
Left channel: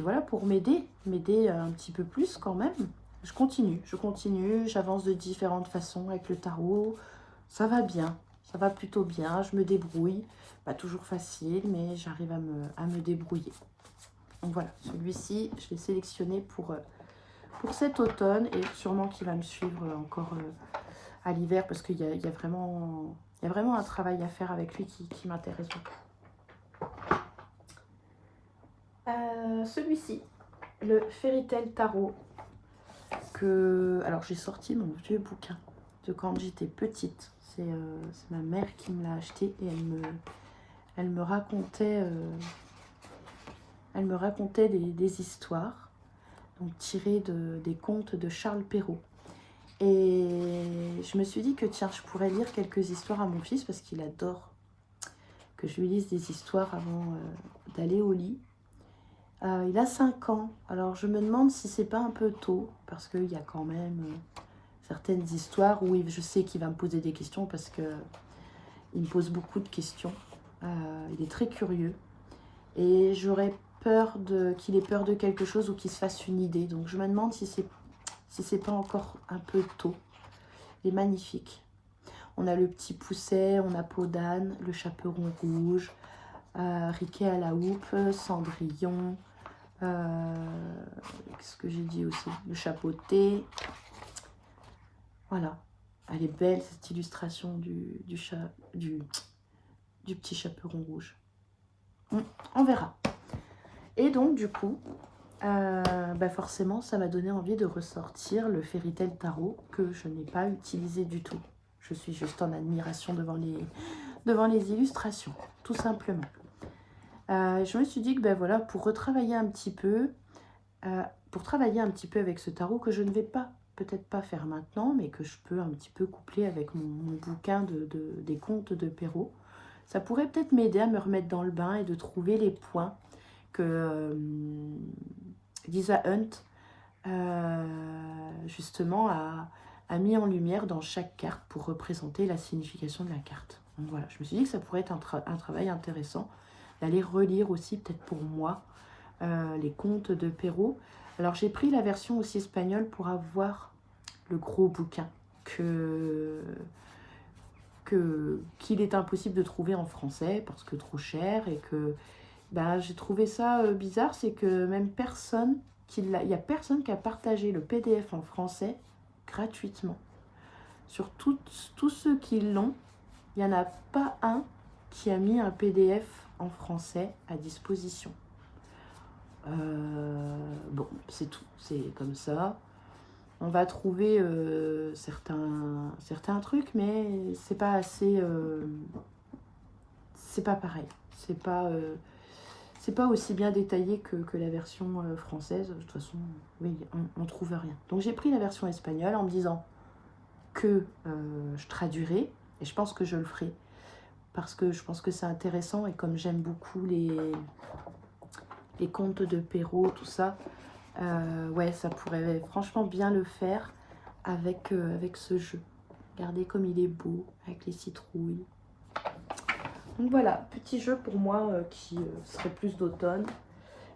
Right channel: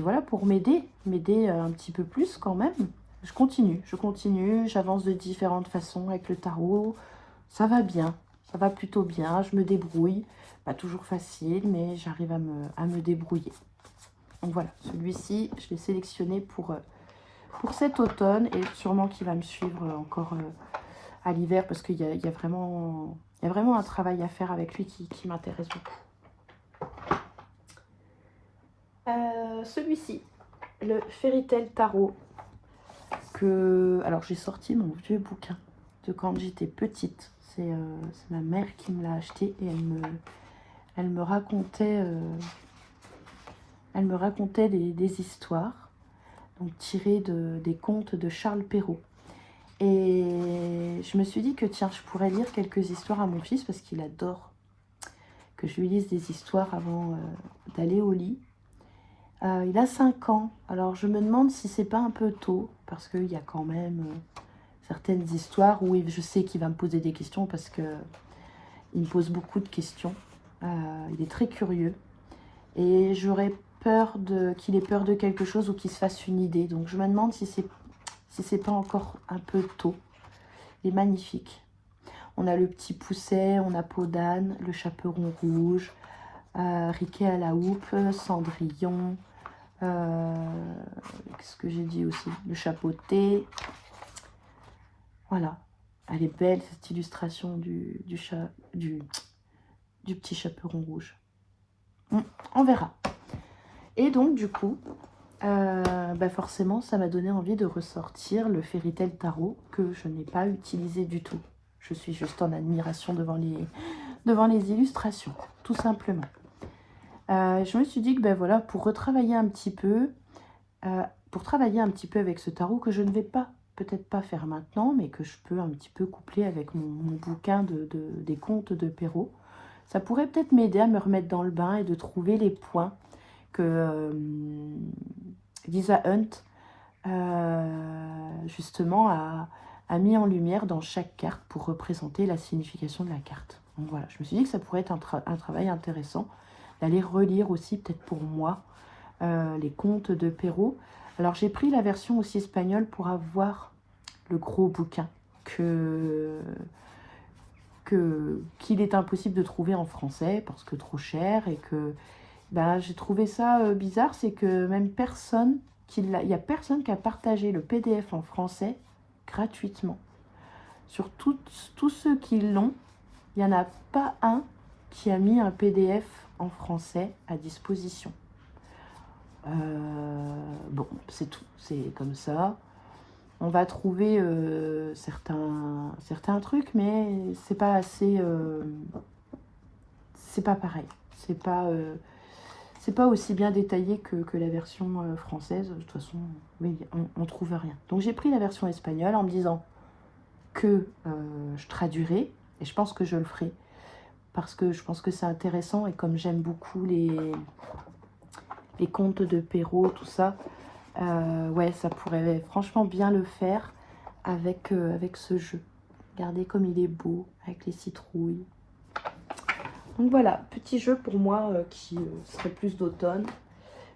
voilà, pour m'aider un petit peu plus quand même. Je continue, j'avance de différentes façons avec le tarot. Ça va bien, ça va plutôt bien, je me débrouille. Pas toujours facile, mais j'arrive à me débrouiller. Donc voilà, celui-ci, je l'ai sélectionné pour cet automne et sûrement qu'il va me suivre encore à l'hiver parce qu'il y a vraiment un travail à faire avec lui qui m'intéresse beaucoup. Celui-ci, le Fairy Tail Tarot, alors j'ai sorti mon vieux bouquin de quand j'étais petite. C'est ma mère qui me l'a acheté et elle me racontait des histoires donc tirées des contes de Charles Perrault. Et je me suis dit que tiens, je pourrais lire quelques histoires à mon fils parce qu'il adore que je lui lise des histoires avant d'aller au lit. Il a 5 ans, alors je me demande si c'est pas un peu tôt, parce qu'il y a quand même certaines histoires où je sais qu'il va me poser des questions, parce que il me pose beaucoup de questions. Il est très curieux, et j'aurais peur qu'il ait peur de quelque chose ou qu'il se fasse une idée. Donc je me demande si c'est pas encore un peu tôt. Il est magnifique. On a le petit Pousset, on a Peau d'âne, le Chaperon rouge, Riquet à la houppe, Cendrillon, qu'est-ce que j'ai dit aussi, le chapeauté. Voilà, elle est belle cette illustration du petit Chaperon rouge. On verra. Et donc du coup forcément ça m'a donné envie de ressortir le Fairy Tail Tarot que je n'ai pas utilisé du tout. Je suis juste en admiration devant les illustrations, tout simplement. Je me suis dit que voilà, pour retravailler un petit peu, avec ce tarot que je ne vais peut-être pas faire maintenant, mais que je peux un petit peu coupler avec mon bouquin des contes de Perrault, ça pourrait peut-être m'aider à me remettre dans le bain et de trouver les points que Lisa Hunt justement a mis en lumière dans chaque carte pour représenter la signification de la carte. Donc voilà, je me suis dit que ça pourrait être un travail intéressant d'aller relire aussi peut-être pour moi les contes de Perrault. Alors j'ai pris la version aussi espagnole pour avoir le gros bouquin qu'il est impossible de trouver en français parce que trop cher, et que j'ai trouvé ça bizarre, c'est que même il n'y a personne qui a partagé le PDF en français gratuitement. Sur tous ceux qui l'ont, il n'y en a pas un qui a mis un PDF en français à disposition. Bon, c'est tout, c'est comme ça. On va trouver certains trucs, mais c'est pas assez... c'est pas pareil. C'est pas aussi bien détaillé que la version française. De toute façon, oui, on trouve rien. Donc j'ai pris la version espagnole en me disant que je traduirai, et je pense que je le ferai, parce que je pense que c'est intéressant et comme j'aime beaucoup les contes de Perrault, tout ça, ouais, ça pourrait franchement bien le faire avec, avec ce jeu. Regardez comme il est beau, avec les citrouilles. Donc voilà, petit jeu pour moi qui serait plus d'automne.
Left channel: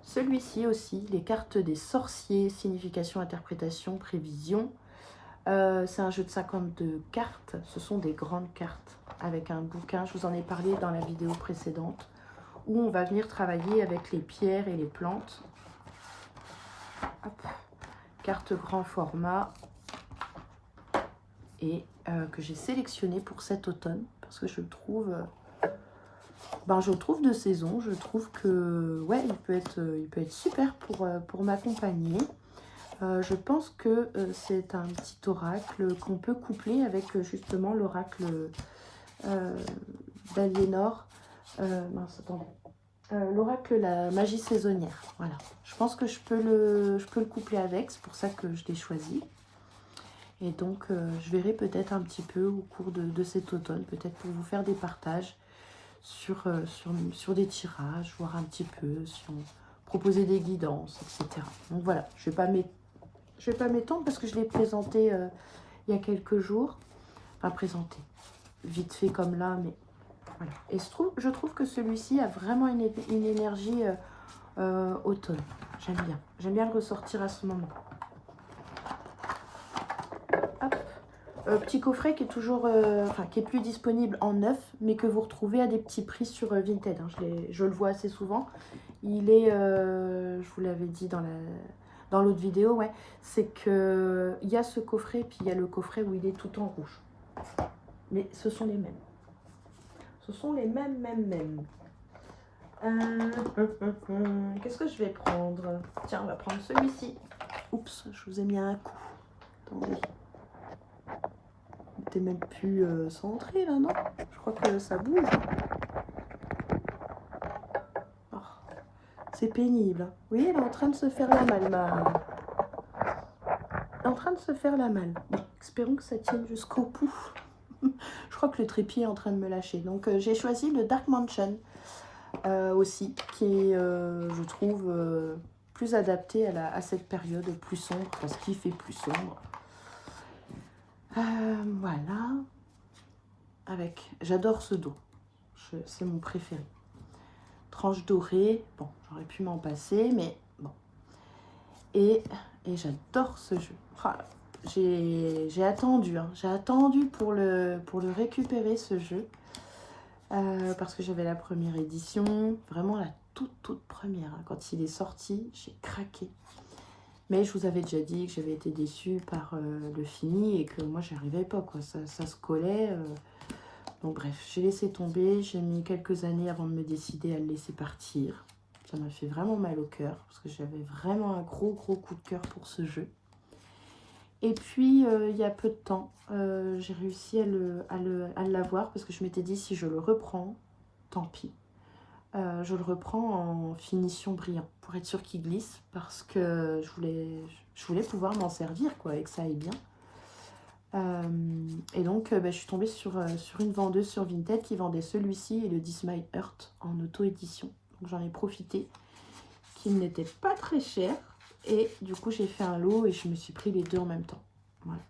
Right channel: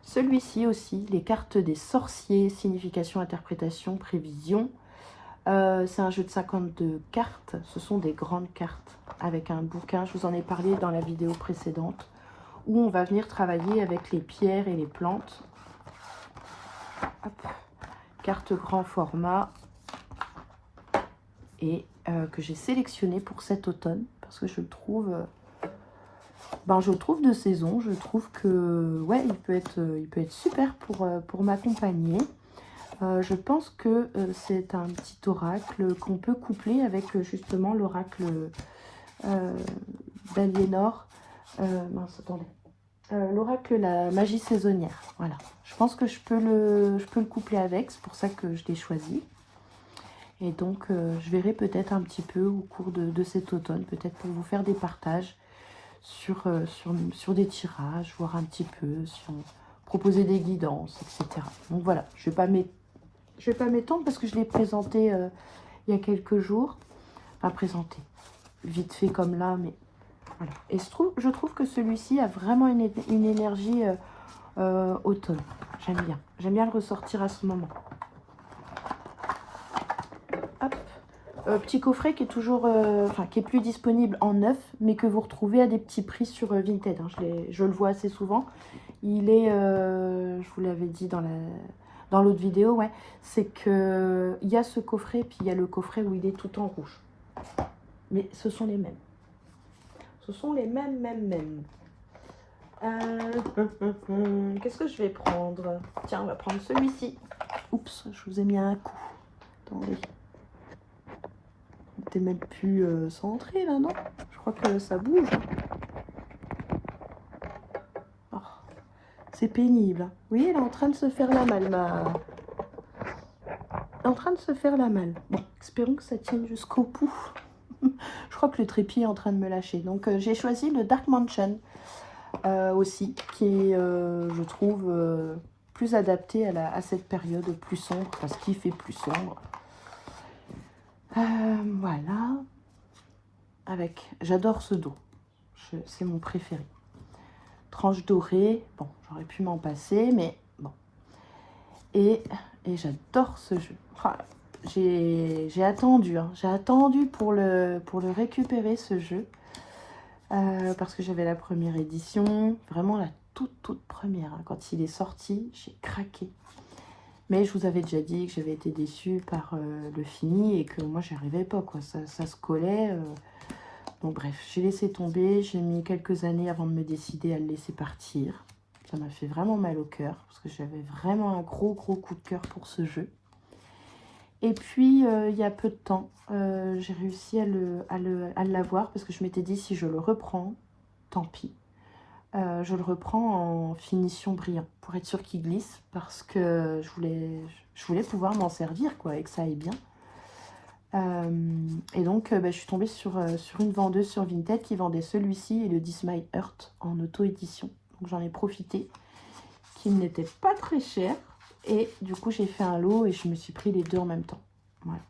Celui-ci aussi, les cartes des sorciers, signification, interprétation, prévision. C'est un jeu de 52 cartes, ce sont des grandes cartes avec un bouquin, je vous en ai parlé dans la vidéo précédente, où on va venir travailler avec les pierres et les plantes. Hop. Carte grand format et que j'ai sélectionné pour cet automne parce que je le trouve, je le trouve de saison, je trouve que ouais, il peut être super pour m'accompagner. Je pense que c'est un petit oracle qu'on peut coupler avec justement l'oracle d'Aliénor. L'oracle la magie saisonnière. Voilà. Je pense que je peux le coupler avec, c'est pour ça que je l'ai choisi. Et donc, je verrai peut-être un petit peu au cours de cet automne, peut-être pour vous faire des partages sur des tirages, voir un petit peu, proposer des guidances, etc. Donc voilà, je vais pas m'étendre parce que je l'ai présenté il y a quelques jours. Enfin, présenté vite fait comme là, mais voilà. Et je trouve que celui-ci a vraiment une énergie automne. J'aime bien. J'aime bien le ressortir à ce moment. Hop. Petit coffret qui est toujours, qui est plus disponible en neuf, mais que vous retrouvez à des petits prix sur Vinted. Hein. Je le vois assez souvent. Il est, je vous l'avais dit dans l'autre vidéo, ouais, c'est que il y a ce coffret, puis il y a le coffret où il est tout en rouge. Mais ce sont les mêmes. Ce sont les mêmes. Qu'est-ce que je vais prendre? Tiens, on va prendre celui-ci. Oups, je vous ai mis un coup. Attendez. Il n'était même plus centré là, non? Je crois que ça bouge. Oh, c'est pénible. Hein. Vous voyez, elle est en train de se faire la malle. En train de se faire la malle. Bon, espérons que ça tienne jusqu'au bout. Je crois que le trépied est en train de me lâcher. Donc, j'ai choisi le Dark Mansion. Aussi, qui est, je trouve, plus adapté à cette période plus sombre, parce qu'il fait plus sombre. Voilà. J'adore ce dos. C'est mon préféré. Tranche dorée. Bon, j'aurais pu m'en passer, mais bon. Et j'adore ce jeu. Enfin, j'ai attendu. Hein, j'ai attendu pour le récupérer, ce jeu. Parce que j'avais la première édition, vraiment la toute première. Hein. Quand il est sorti, j'ai craqué. Mais je vous avais déjà dit que j'avais été déçue par le fini et que moi, j'y arrivais pas. Quoi. Ça se collait. Donc bref, j'ai laissé tomber. J'ai mis quelques années avant de me décider à le laisser partir. Ça m'a fait vraiment mal au cœur parce que j'avais vraiment un gros coup de cœur pour ce jeu. Et puis, il y a peu de temps, j'ai réussi à l'avoir parce que je m'étais dit, si je le reprends, tant pis. Je le reprends en finition brillant pour être sûr qu'il glisse parce que je voulais pouvoir m'en servir quoi, et que ça aille bien. Et donc, je suis tombée sur une vendeuse sur Vinted qui vendait celui-ci et le This My Heart en auto-édition. Donc, j'en ai profité, qui n'était pas très cher. Et du coup, j'ai fait un lot et je me suis pris les deux en même temps. Voilà.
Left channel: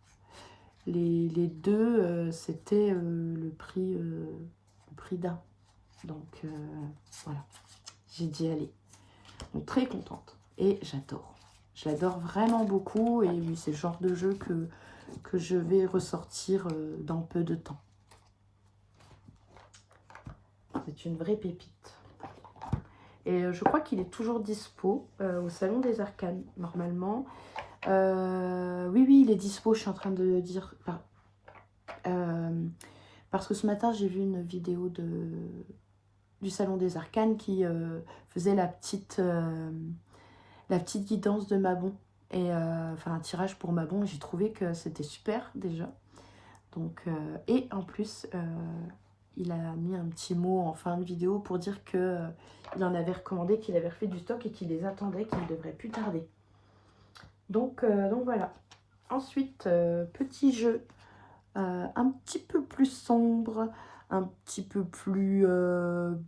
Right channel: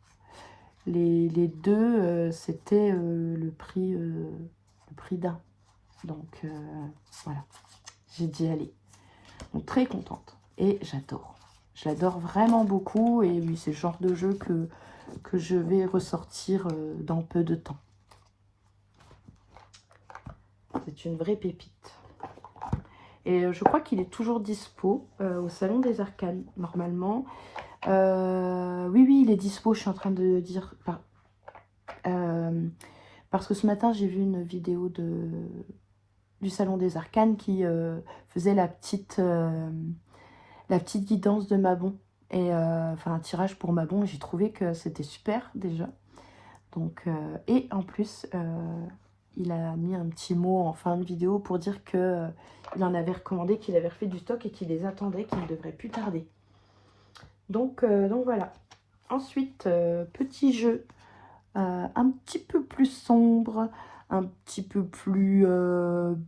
Les deux, c'était le prix d'un. Donc, voilà. J'ai dit aller. Donc, très contente. Et j'adore. J'adore vraiment beaucoup. Et oui, c'est le genre de jeu que je vais ressortir dans peu de temps. C'est une vraie pépite. Et je crois qu'il est toujours dispo au Salon des Arcanes, normalement. Oui, il est dispo, je suis en train de dire. Parce que ce matin, j'ai vu une vidéo du Salon des Arcanes qui faisait la petite guidance de Mabon. Et enfin, un tirage pour Mabon. J'ai trouvé que c'était super, déjà. Donc, et en plus... il a mis un petit mot en fin de vidéo pour dire que il en avait recommandé, qu'il avait refait du stock et qu'il les attendait, qu'il ne devrait plus tarder. Donc voilà. Ensuite, petit jeu un petit peu plus sombre un petit peu plus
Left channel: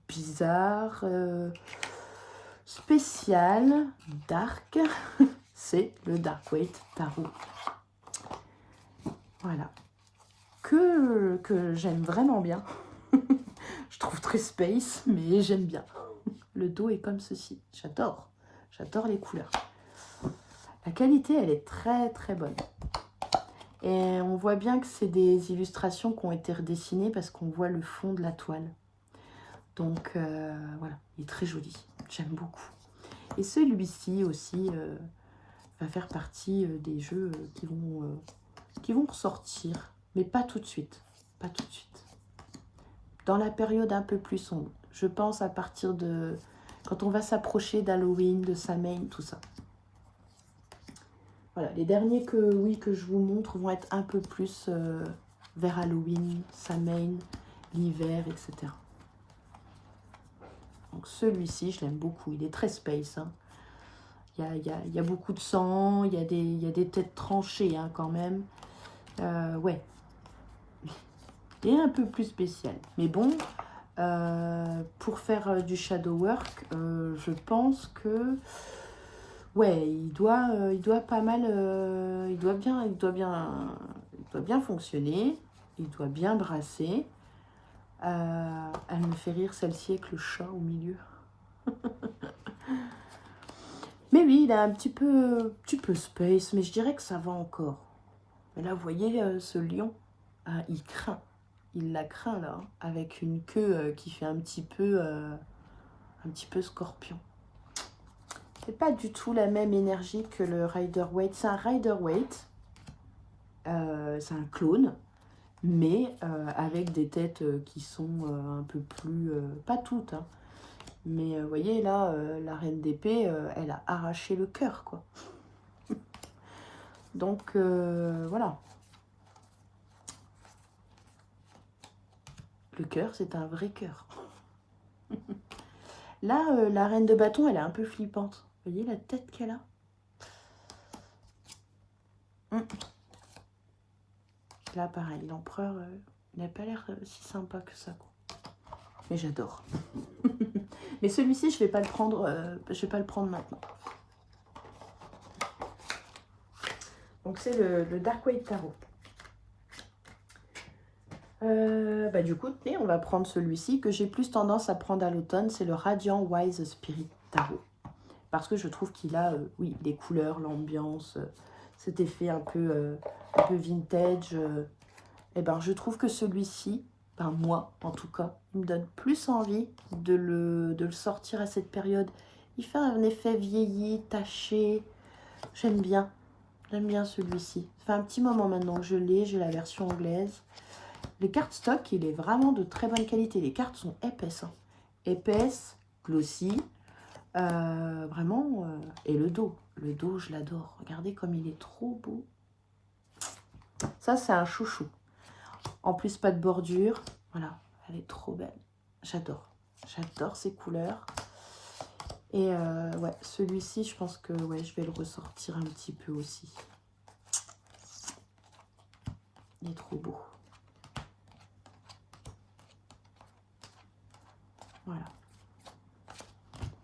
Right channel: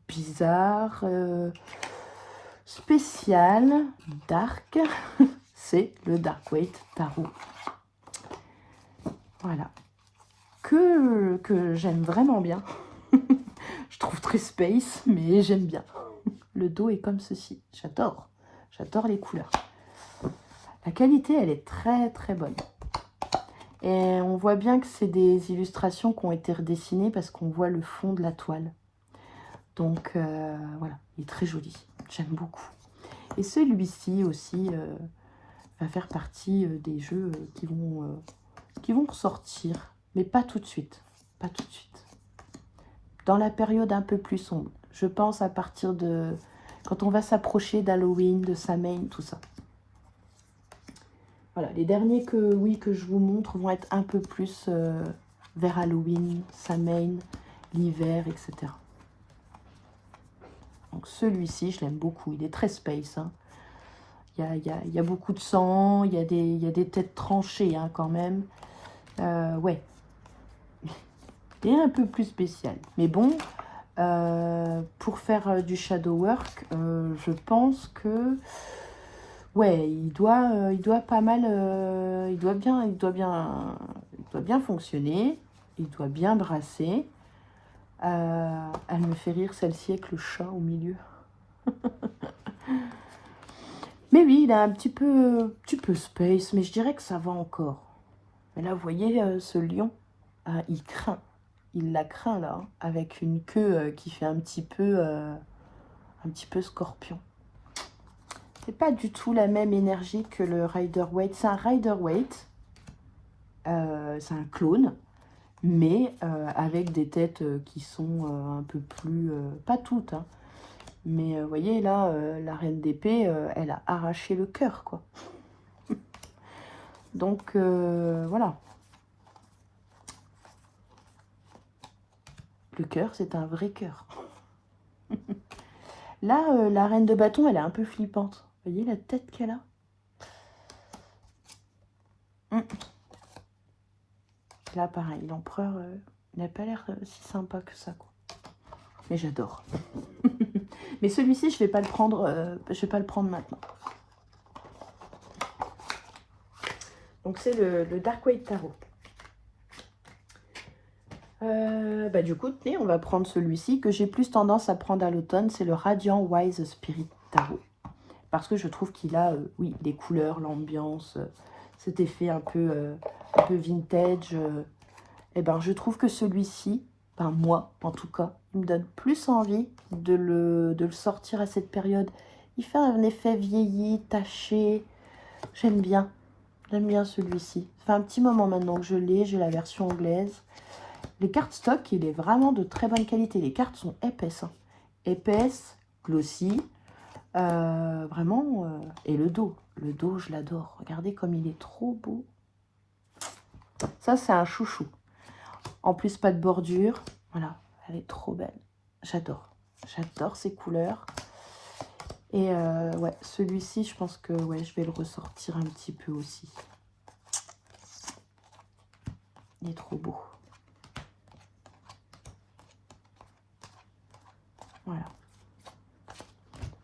bizarre, spécial, dark. C'est le Dark Waite Tarot. Voilà. Que j'aime vraiment bien. Je trouve très space, mais j'aime bien. Le dos est comme ceci. J'adore. J'adore les couleurs. La qualité, elle est très très bonne. Et on voit bien que c'est des illustrations qui ont été redessinées parce qu'on voit le fond de la toile. Donc voilà, il est très joli. J'aime beaucoup. Et celui-ci aussi va faire partie des jeux qui vont ressortir. Mais pas tout de suite. Pas tout de suite. Dans la période un peu plus sombre. Je pense à partir de... Quand on va s'approcher d'Halloween, de Samhain, tout ça. Voilà, les derniers que je vous montre vont être un peu plus vers Halloween, Samhain, l'hiver, etc. Donc celui-ci, je l'aime beaucoup. Il est très space. Hein. Il y a beaucoup de sang, il y a des têtes tranchées hein, quand même. Ouais. Il est un peu plus spécial. Mais bon, pour faire du shadow work, je pense que... Ouais, il doit pas mal, il doit bien fonctionner, il doit bien brasser. Elle me fait rire celle-ci avec le chat au milieu. Mais oui, il est un petit peu space, mais je dirais que ça va encore. Mais là, vous voyez ce lion, ah, il craint, il la craint là, hein, avec une queue qui fait un petit peu scorpion. C'est pas du tout la même énergie que le Rider-Waite. C'est un Rider-Waite, c'est un clone, mais avec des têtes qui sont un peu plus... pas toutes, hein, mais vous voyez là, la reine d'épée, elle a arraché le cœur, quoi. Donc voilà. Le cœur, c'est un vrai cœur. Là, la reine de bâton, elle est un peu flippante. Vous voyez la tête qu'elle a? Là, pareil, l'empereur, il n'a pas l'air si sympa que ça, quoi. Mais j'adore. Mais celui-ci, je vais pas le prendre. Je vais pas le prendre maintenant. Donc c'est le Dark Waite Tarot. Du coup, on va prendre celui-ci que j'ai plus tendance à prendre à l'automne. C'est le Radiant Wise Spirit Tarot. Parce que je trouve qu'il a, oui, les couleurs, l'ambiance, cet effet un peu vintage. Et ben, je trouve que celui-ci, ben moi en tout cas, il me donne plus envie de le sortir à cette période. Il fait un effet vieilli, taché. J'aime bien celui-ci. Ça fait un petit moment maintenant que je l'ai, j'ai la version anglaise. Les cartes stock, il est vraiment de très bonne qualité. Les cartes sont épaisses. Hein. Épaisses, glossy. Vraiment. Et le dos, je l'adore. Regardez comme il est trop beau. Ça, c'est un chouchou. En plus, pas de bordure. Voilà, elle est trop belle. J'adore. J'adore ces couleurs. Et ouais, celui-ci, je pense que ouais, je vais le ressortir un petit peu aussi. Il est trop beau. Voilà.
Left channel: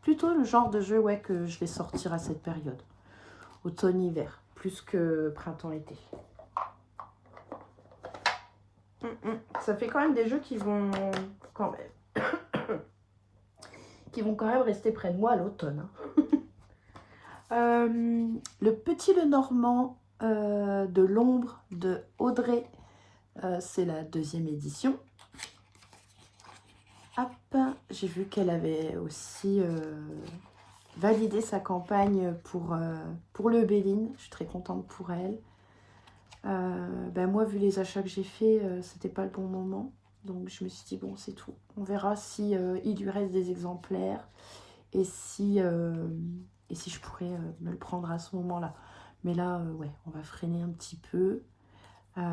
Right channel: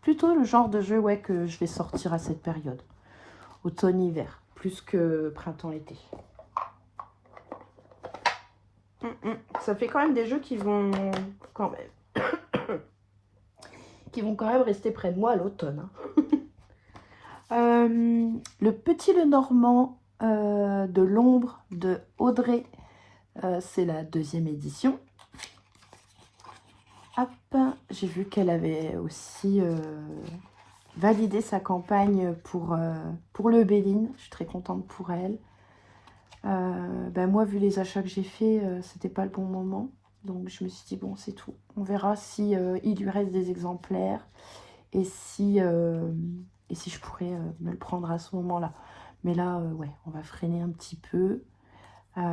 Plutôt le genre de jeu ouais, que je vais sortir à cette période. Automne-hiver, plus que printemps-été. Ça fait quand même des jeux qui vont quand même rester près de moi à l'automne. Le Petit Lenormand de l'ombre de Audrey, c'est la 2e édition. Hop, j'ai vu qu'elle avait aussi validé sa campagne pour le Béline. Je suis très contente pour elle. Moi, vu les achats que j'ai fait, c'était pas le bon moment. Donc, je me suis dit, bon, c'est tout. On verra si il lui reste des exemplaires et si je pourrais me le prendre à ce moment-là. Mais là, ouais, on va freiner un petit peu.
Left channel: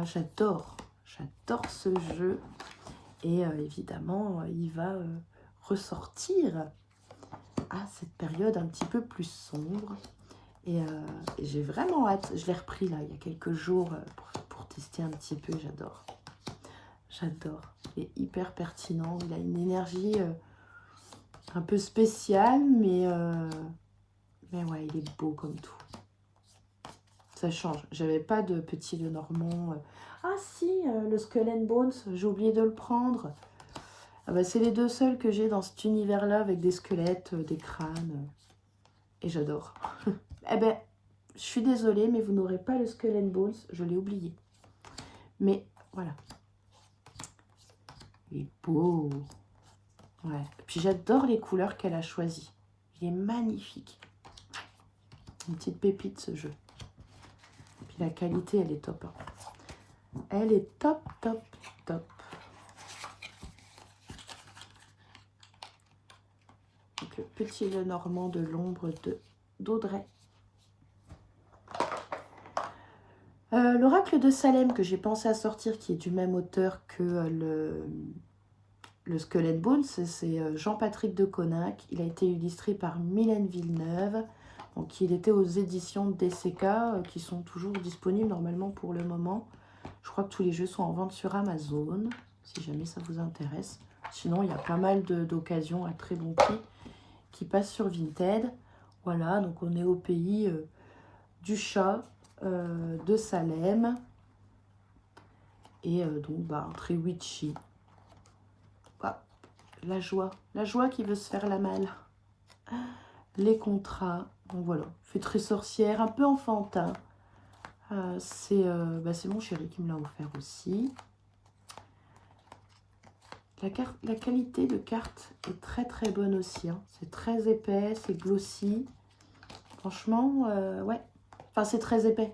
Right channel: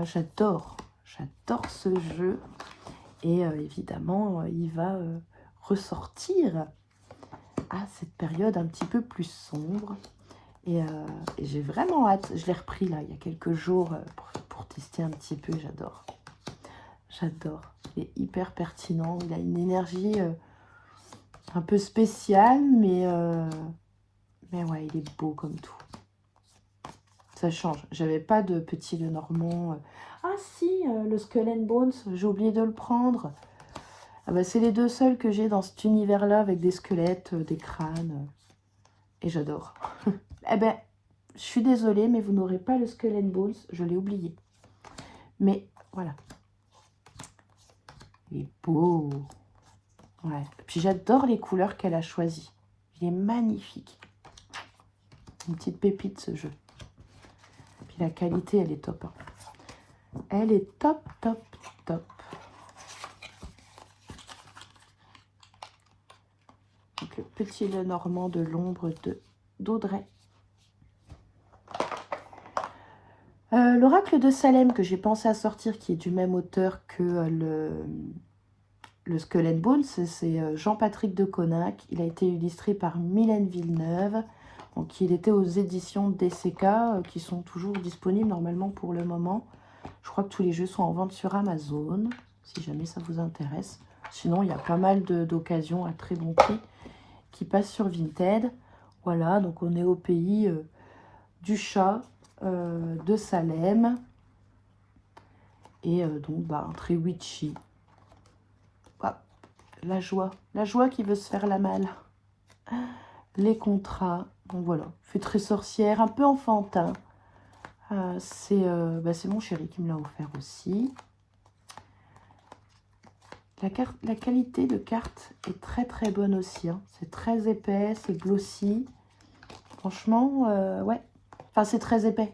J'adore ce jeu. Et évidemment, il va ressortir à cette période un petit peu plus sombre. Et j'ai vraiment hâte. Je l'ai repris là il y a quelques jours pour tester un petit peu. J'adore. J'adore. Il est hyper pertinent. Il a une énergie un peu spéciale, mais ouais, il est beau comme tout. Ça change. J'avais pas de petit Lenormand. Ah si, le Skull and Bones, j'ai oublié de le prendre. Ah bah, c'est les deux seuls que j'ai dans cet univers-là, avec des squelettes, des crânes. Et j'adore. Eh ben, je suis désolée, mais vous n'aurez pas le Skull and Bones. Je l'ai oublié. Mais voilà. Il est beau. Ouais. Et puis j'adore les couleurs qu'elle a choisies. Il est magnifique. Une petite pépite ce jeu. Puis la qualité, elle est top. Hein. Elle est top, top, top. Donc le petit Lenormand de l'ombre d'Audrey. L'oracle de Salem que j'ai pensé à sortir, qui est du même auteur que le Skull and Bones, c'est Jean-Patrick de Coninck. Il a été illustré par Mylène Villeneuve. Donc il était aux éditions DCK qui sont toujours disponibles normalement pour le moment. Je crois que tous les jeux sont en vente sur Amazon, si jamais ça vous intéresse. Sinon, il y a pas mal d'occasions à très bon prix qui passent sur Vinted. Voilà, donc on est au pays du chat, de Salem. Et donc, bah, très witchy. Ah, la joie qui veut se faire la malle. Les contrats, donc voilà, fait très sorcière, un peu enfantin. C'est mon chéri qui me l'a offert aussi. La qualité de carte est très très bonne aussi. Hein. C'est très épais, c'est glossy. Franchement, ouais. Enfin, c'est très épais.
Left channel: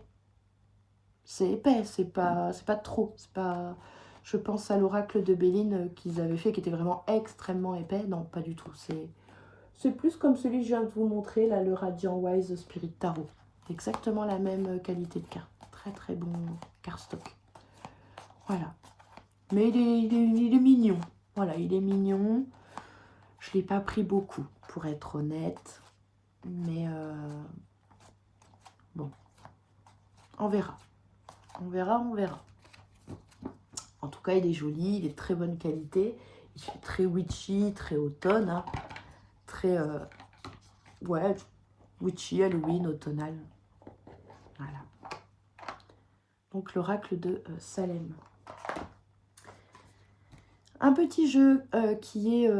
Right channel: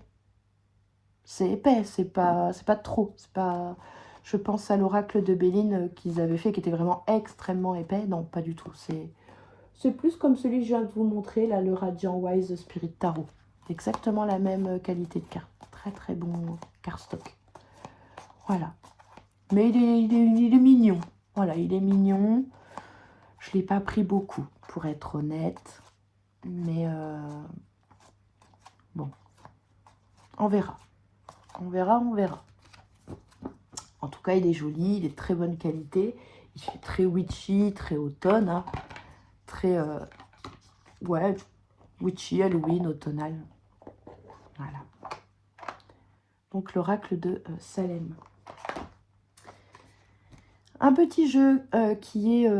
C'est épais, c'est pas trop. C'est pas. Je pense à l'oracle de Béline qu'ils avaient fait, qui était vraiment extrêmement épais. Non, pas du tout. C'est plus comme celui que je viens de vous montrer, là, le Radiant Wise Spirit Tarot. C'est exactement la même qualité de carte. Très très bon cardstock. Voilà. Mais il est mignon. Voilà, il est mignon. Je ne l'ai pas pris beaucoup, pour être honnête. Mais bon, on verra. On verra. En tout cas, il est joli, il est de très bonne qualité. Il fait très witchy, très automne. Hein. Très, ouais, witchy, Halloween, automnal. Voilà. Donc, l'oracle de Salem. Un petit jeu qui est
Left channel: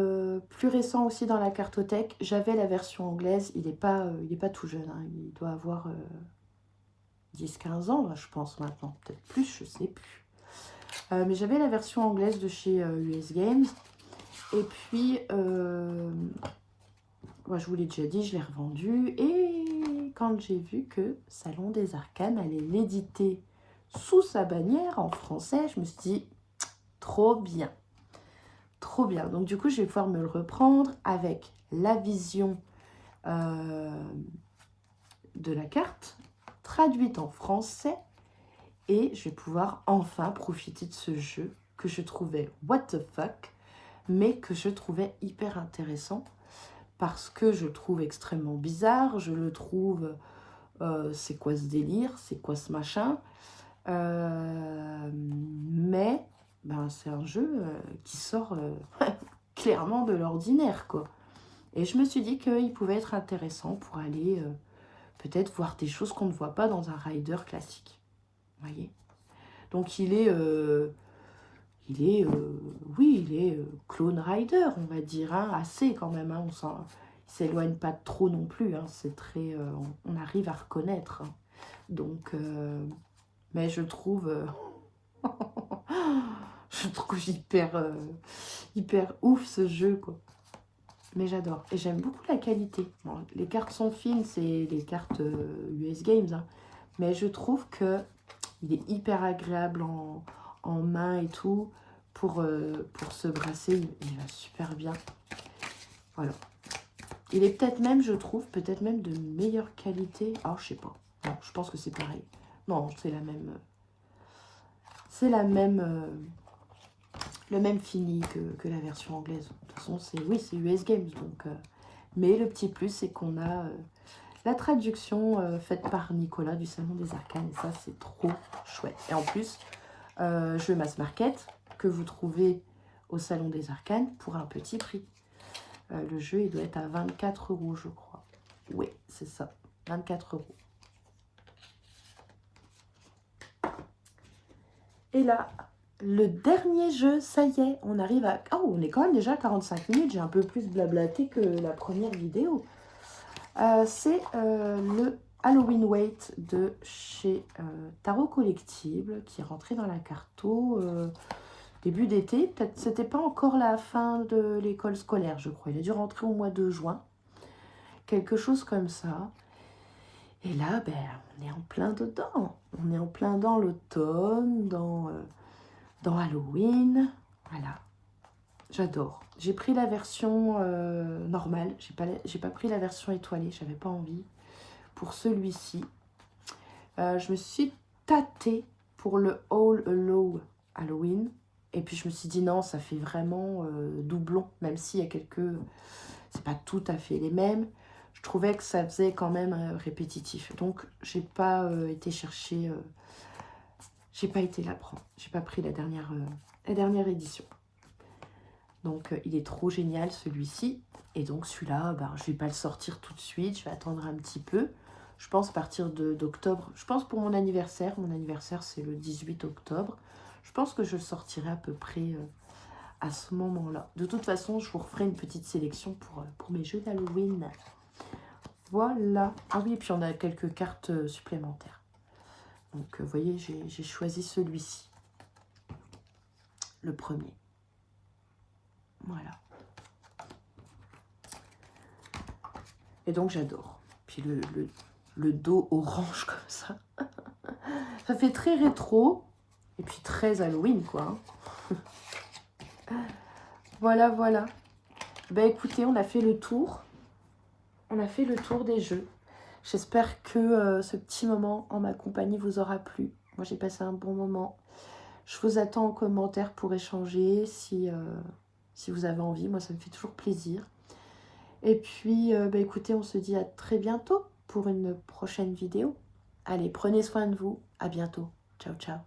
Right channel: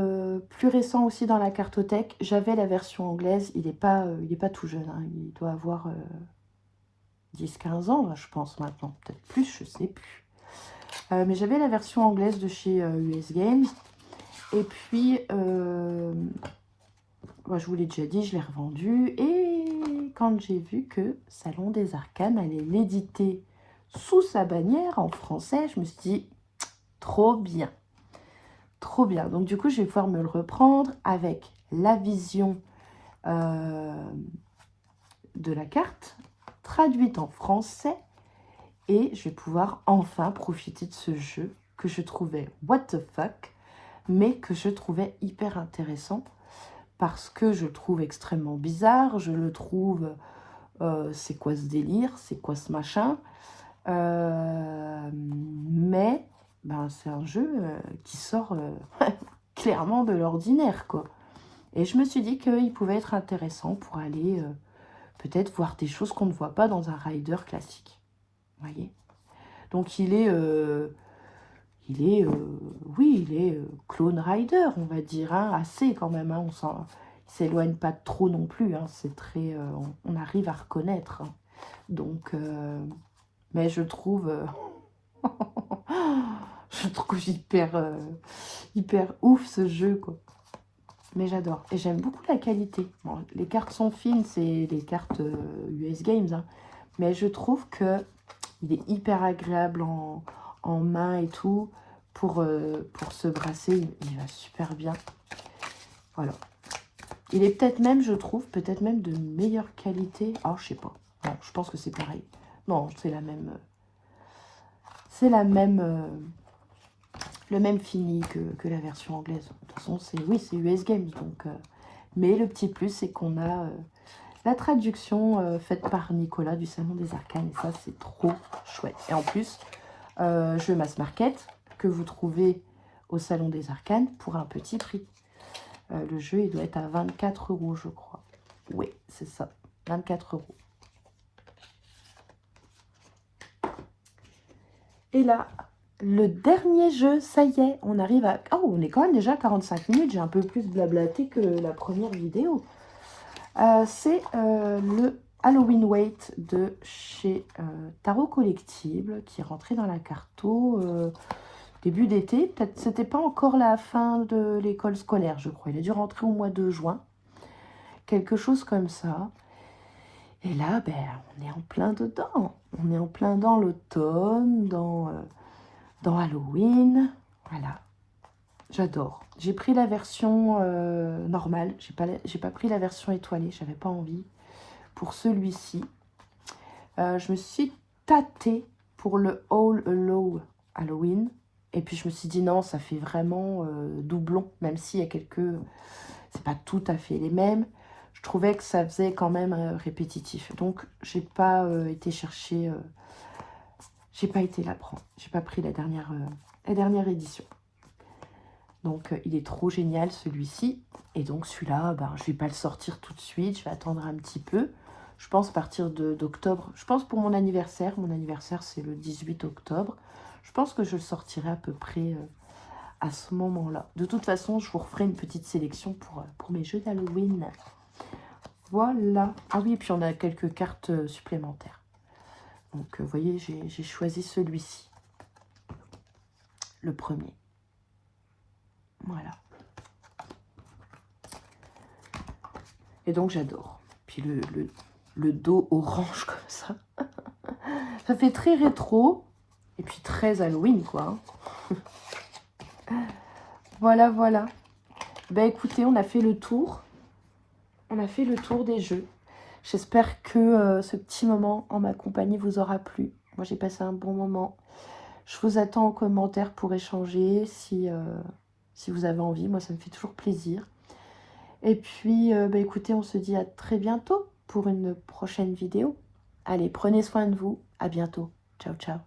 plus récent aussi dans la cartothèque. J'avais la version anglaise. Il n'est pas tout jeune. Hein. Il doit avoir 10-15 ans, là, je pense, maintenant. Peut-être plus, je ne sais plus. Mais j'avais la version anglaise de chez US Games. Et puis, moi, je vous l'ai déjà dit, je l'ai revendu. Et quand j'ai vu que Salon des Arcanes allait l'éditer sous sa bannière en français, je me suis dit, trop bien. Trop bien. Donc, du coup, je vais pouvoir me le reprendre avec la vision de la carte, traduite en français. Et je vais pouvoir enfin profiter de ce jeu que je trouvais what the fuck, mais que je trouvais hyper intéressant. Parce que je le trouve extrêmement bizarre. Je le trouve... c'est quoi ce délire? C'est quoi ce machin? Mais... Ben, c'est un jeu qui sort clairement de l'ordinaire, quoi. Et je me suis dit qu'il pouvait être intéressant pour aller peut-être voir des choses qu'on ne voit pas dans un rider classique. Vous voyez? Donc il est clone rider, on va dire, hein, assez quand même. Hein, il s'éloigne pas trop non plus. Hein, c'est très, on arrive à reconnaître. Hein. Donc, mais je trouve... je trouve hyper ouf ce jeu, quoi. Mais j'adore. Et j'aime beaucoup la qualité. Bon, les cartes sont fines, c'est les cartes US Games. Hein. Mais je trouve que il est hyper agréable en main et tout. Pour se brasser, il va super bien. Voilà. Il est peut-être même, je trouve, peut-être même de meilleure qualité. Ah, je sais pas. Non, je pense que c'est pareil. Non, c'est la même... C'est la même... le même fini que la version anglaise. De toute façon, c'est US Games. Donc, mais le petit plus, c'est qu'on a la traduction faite par Nicolas du Salon des Arcanes. Et ça, c'est trop chouette. Et en plus, jeu mass market, que vous trouvez au Salon des Arcanes pour un petit prix. Le jeu, il doit être à 24 €, je crois. Oui, c'est ça, 24 €. Et là, le dernier jeu, ça y est, on arrive à... Oh, on est quand même déjà à 45 minutes, j'ai un peu plus blablaté que la première vidéo. C'est le Halloween Wait de chez Tarot Collectible, qui est rentré dans la carto début d'été. Peut-être c'était pas encore la fin de l'école scolaire, je crois. Il a dû rentrer au mois de juin. Quelque chose comme ça. Et là, ben, on est en plein dedans. On est en plein dans l'automne, dans Halloween. Voilà. J'adore. J'ai pris la version normale. J'ai pas pris la version étoilée. J'avais pas envie. Pour celui-ci, je me suis tâtée pour le All Alone Halloween. Et puis je me suis dit non, ça fait vraiment doublon. Même s'il y a quelques... C'est pas tout à fait les mêmes. Je trouvais que ça faisait quand même répétitif. Donc, j'ai pas été chercher... j'ai pas été la prendre. J'ai pas pris la dernière édition. Donc, il est trop génial, celui-ci. Et donc, celui-là, ben, je vais pas le sortir tout de suite. Je vais attendre un petit peu. Je pense à partir d'octobre. Je pense pour mon anniversaire. Mon anniversaire, c'est le 18 octobre. Je pense que je le sortirai à peu près... à ce moment-là. De toute façon, je vous referai une petite sélection pour mes jeux d'Halloween. Voilà. Ah oui, et puis on a quelques cartes supplémentaires. Donc, vous voyez, j'ai choisi celui-ci. Le premier. Voilà. Et donc, j'adore. Puis le dos orange comme ça. Ça fait très rétro. Et puis très Halloween, quoi. Voilà, voilà. Ben écoutez, on a fait le tour. On a fait le tour des jeux. J'espère que ce petit moment en ma compagnie vous aura plu. Moi, j'ai passé un bon moment. Je vous attends en commentaire pour échanger si vous avez envie. Moi, ça me fait toujours plaisir. Et puis, bah, écoutez, on se dit à très bientôt pour une prochaine vidéo. Allez, prenez soin de vous. À bientôt. Ciao, ciao.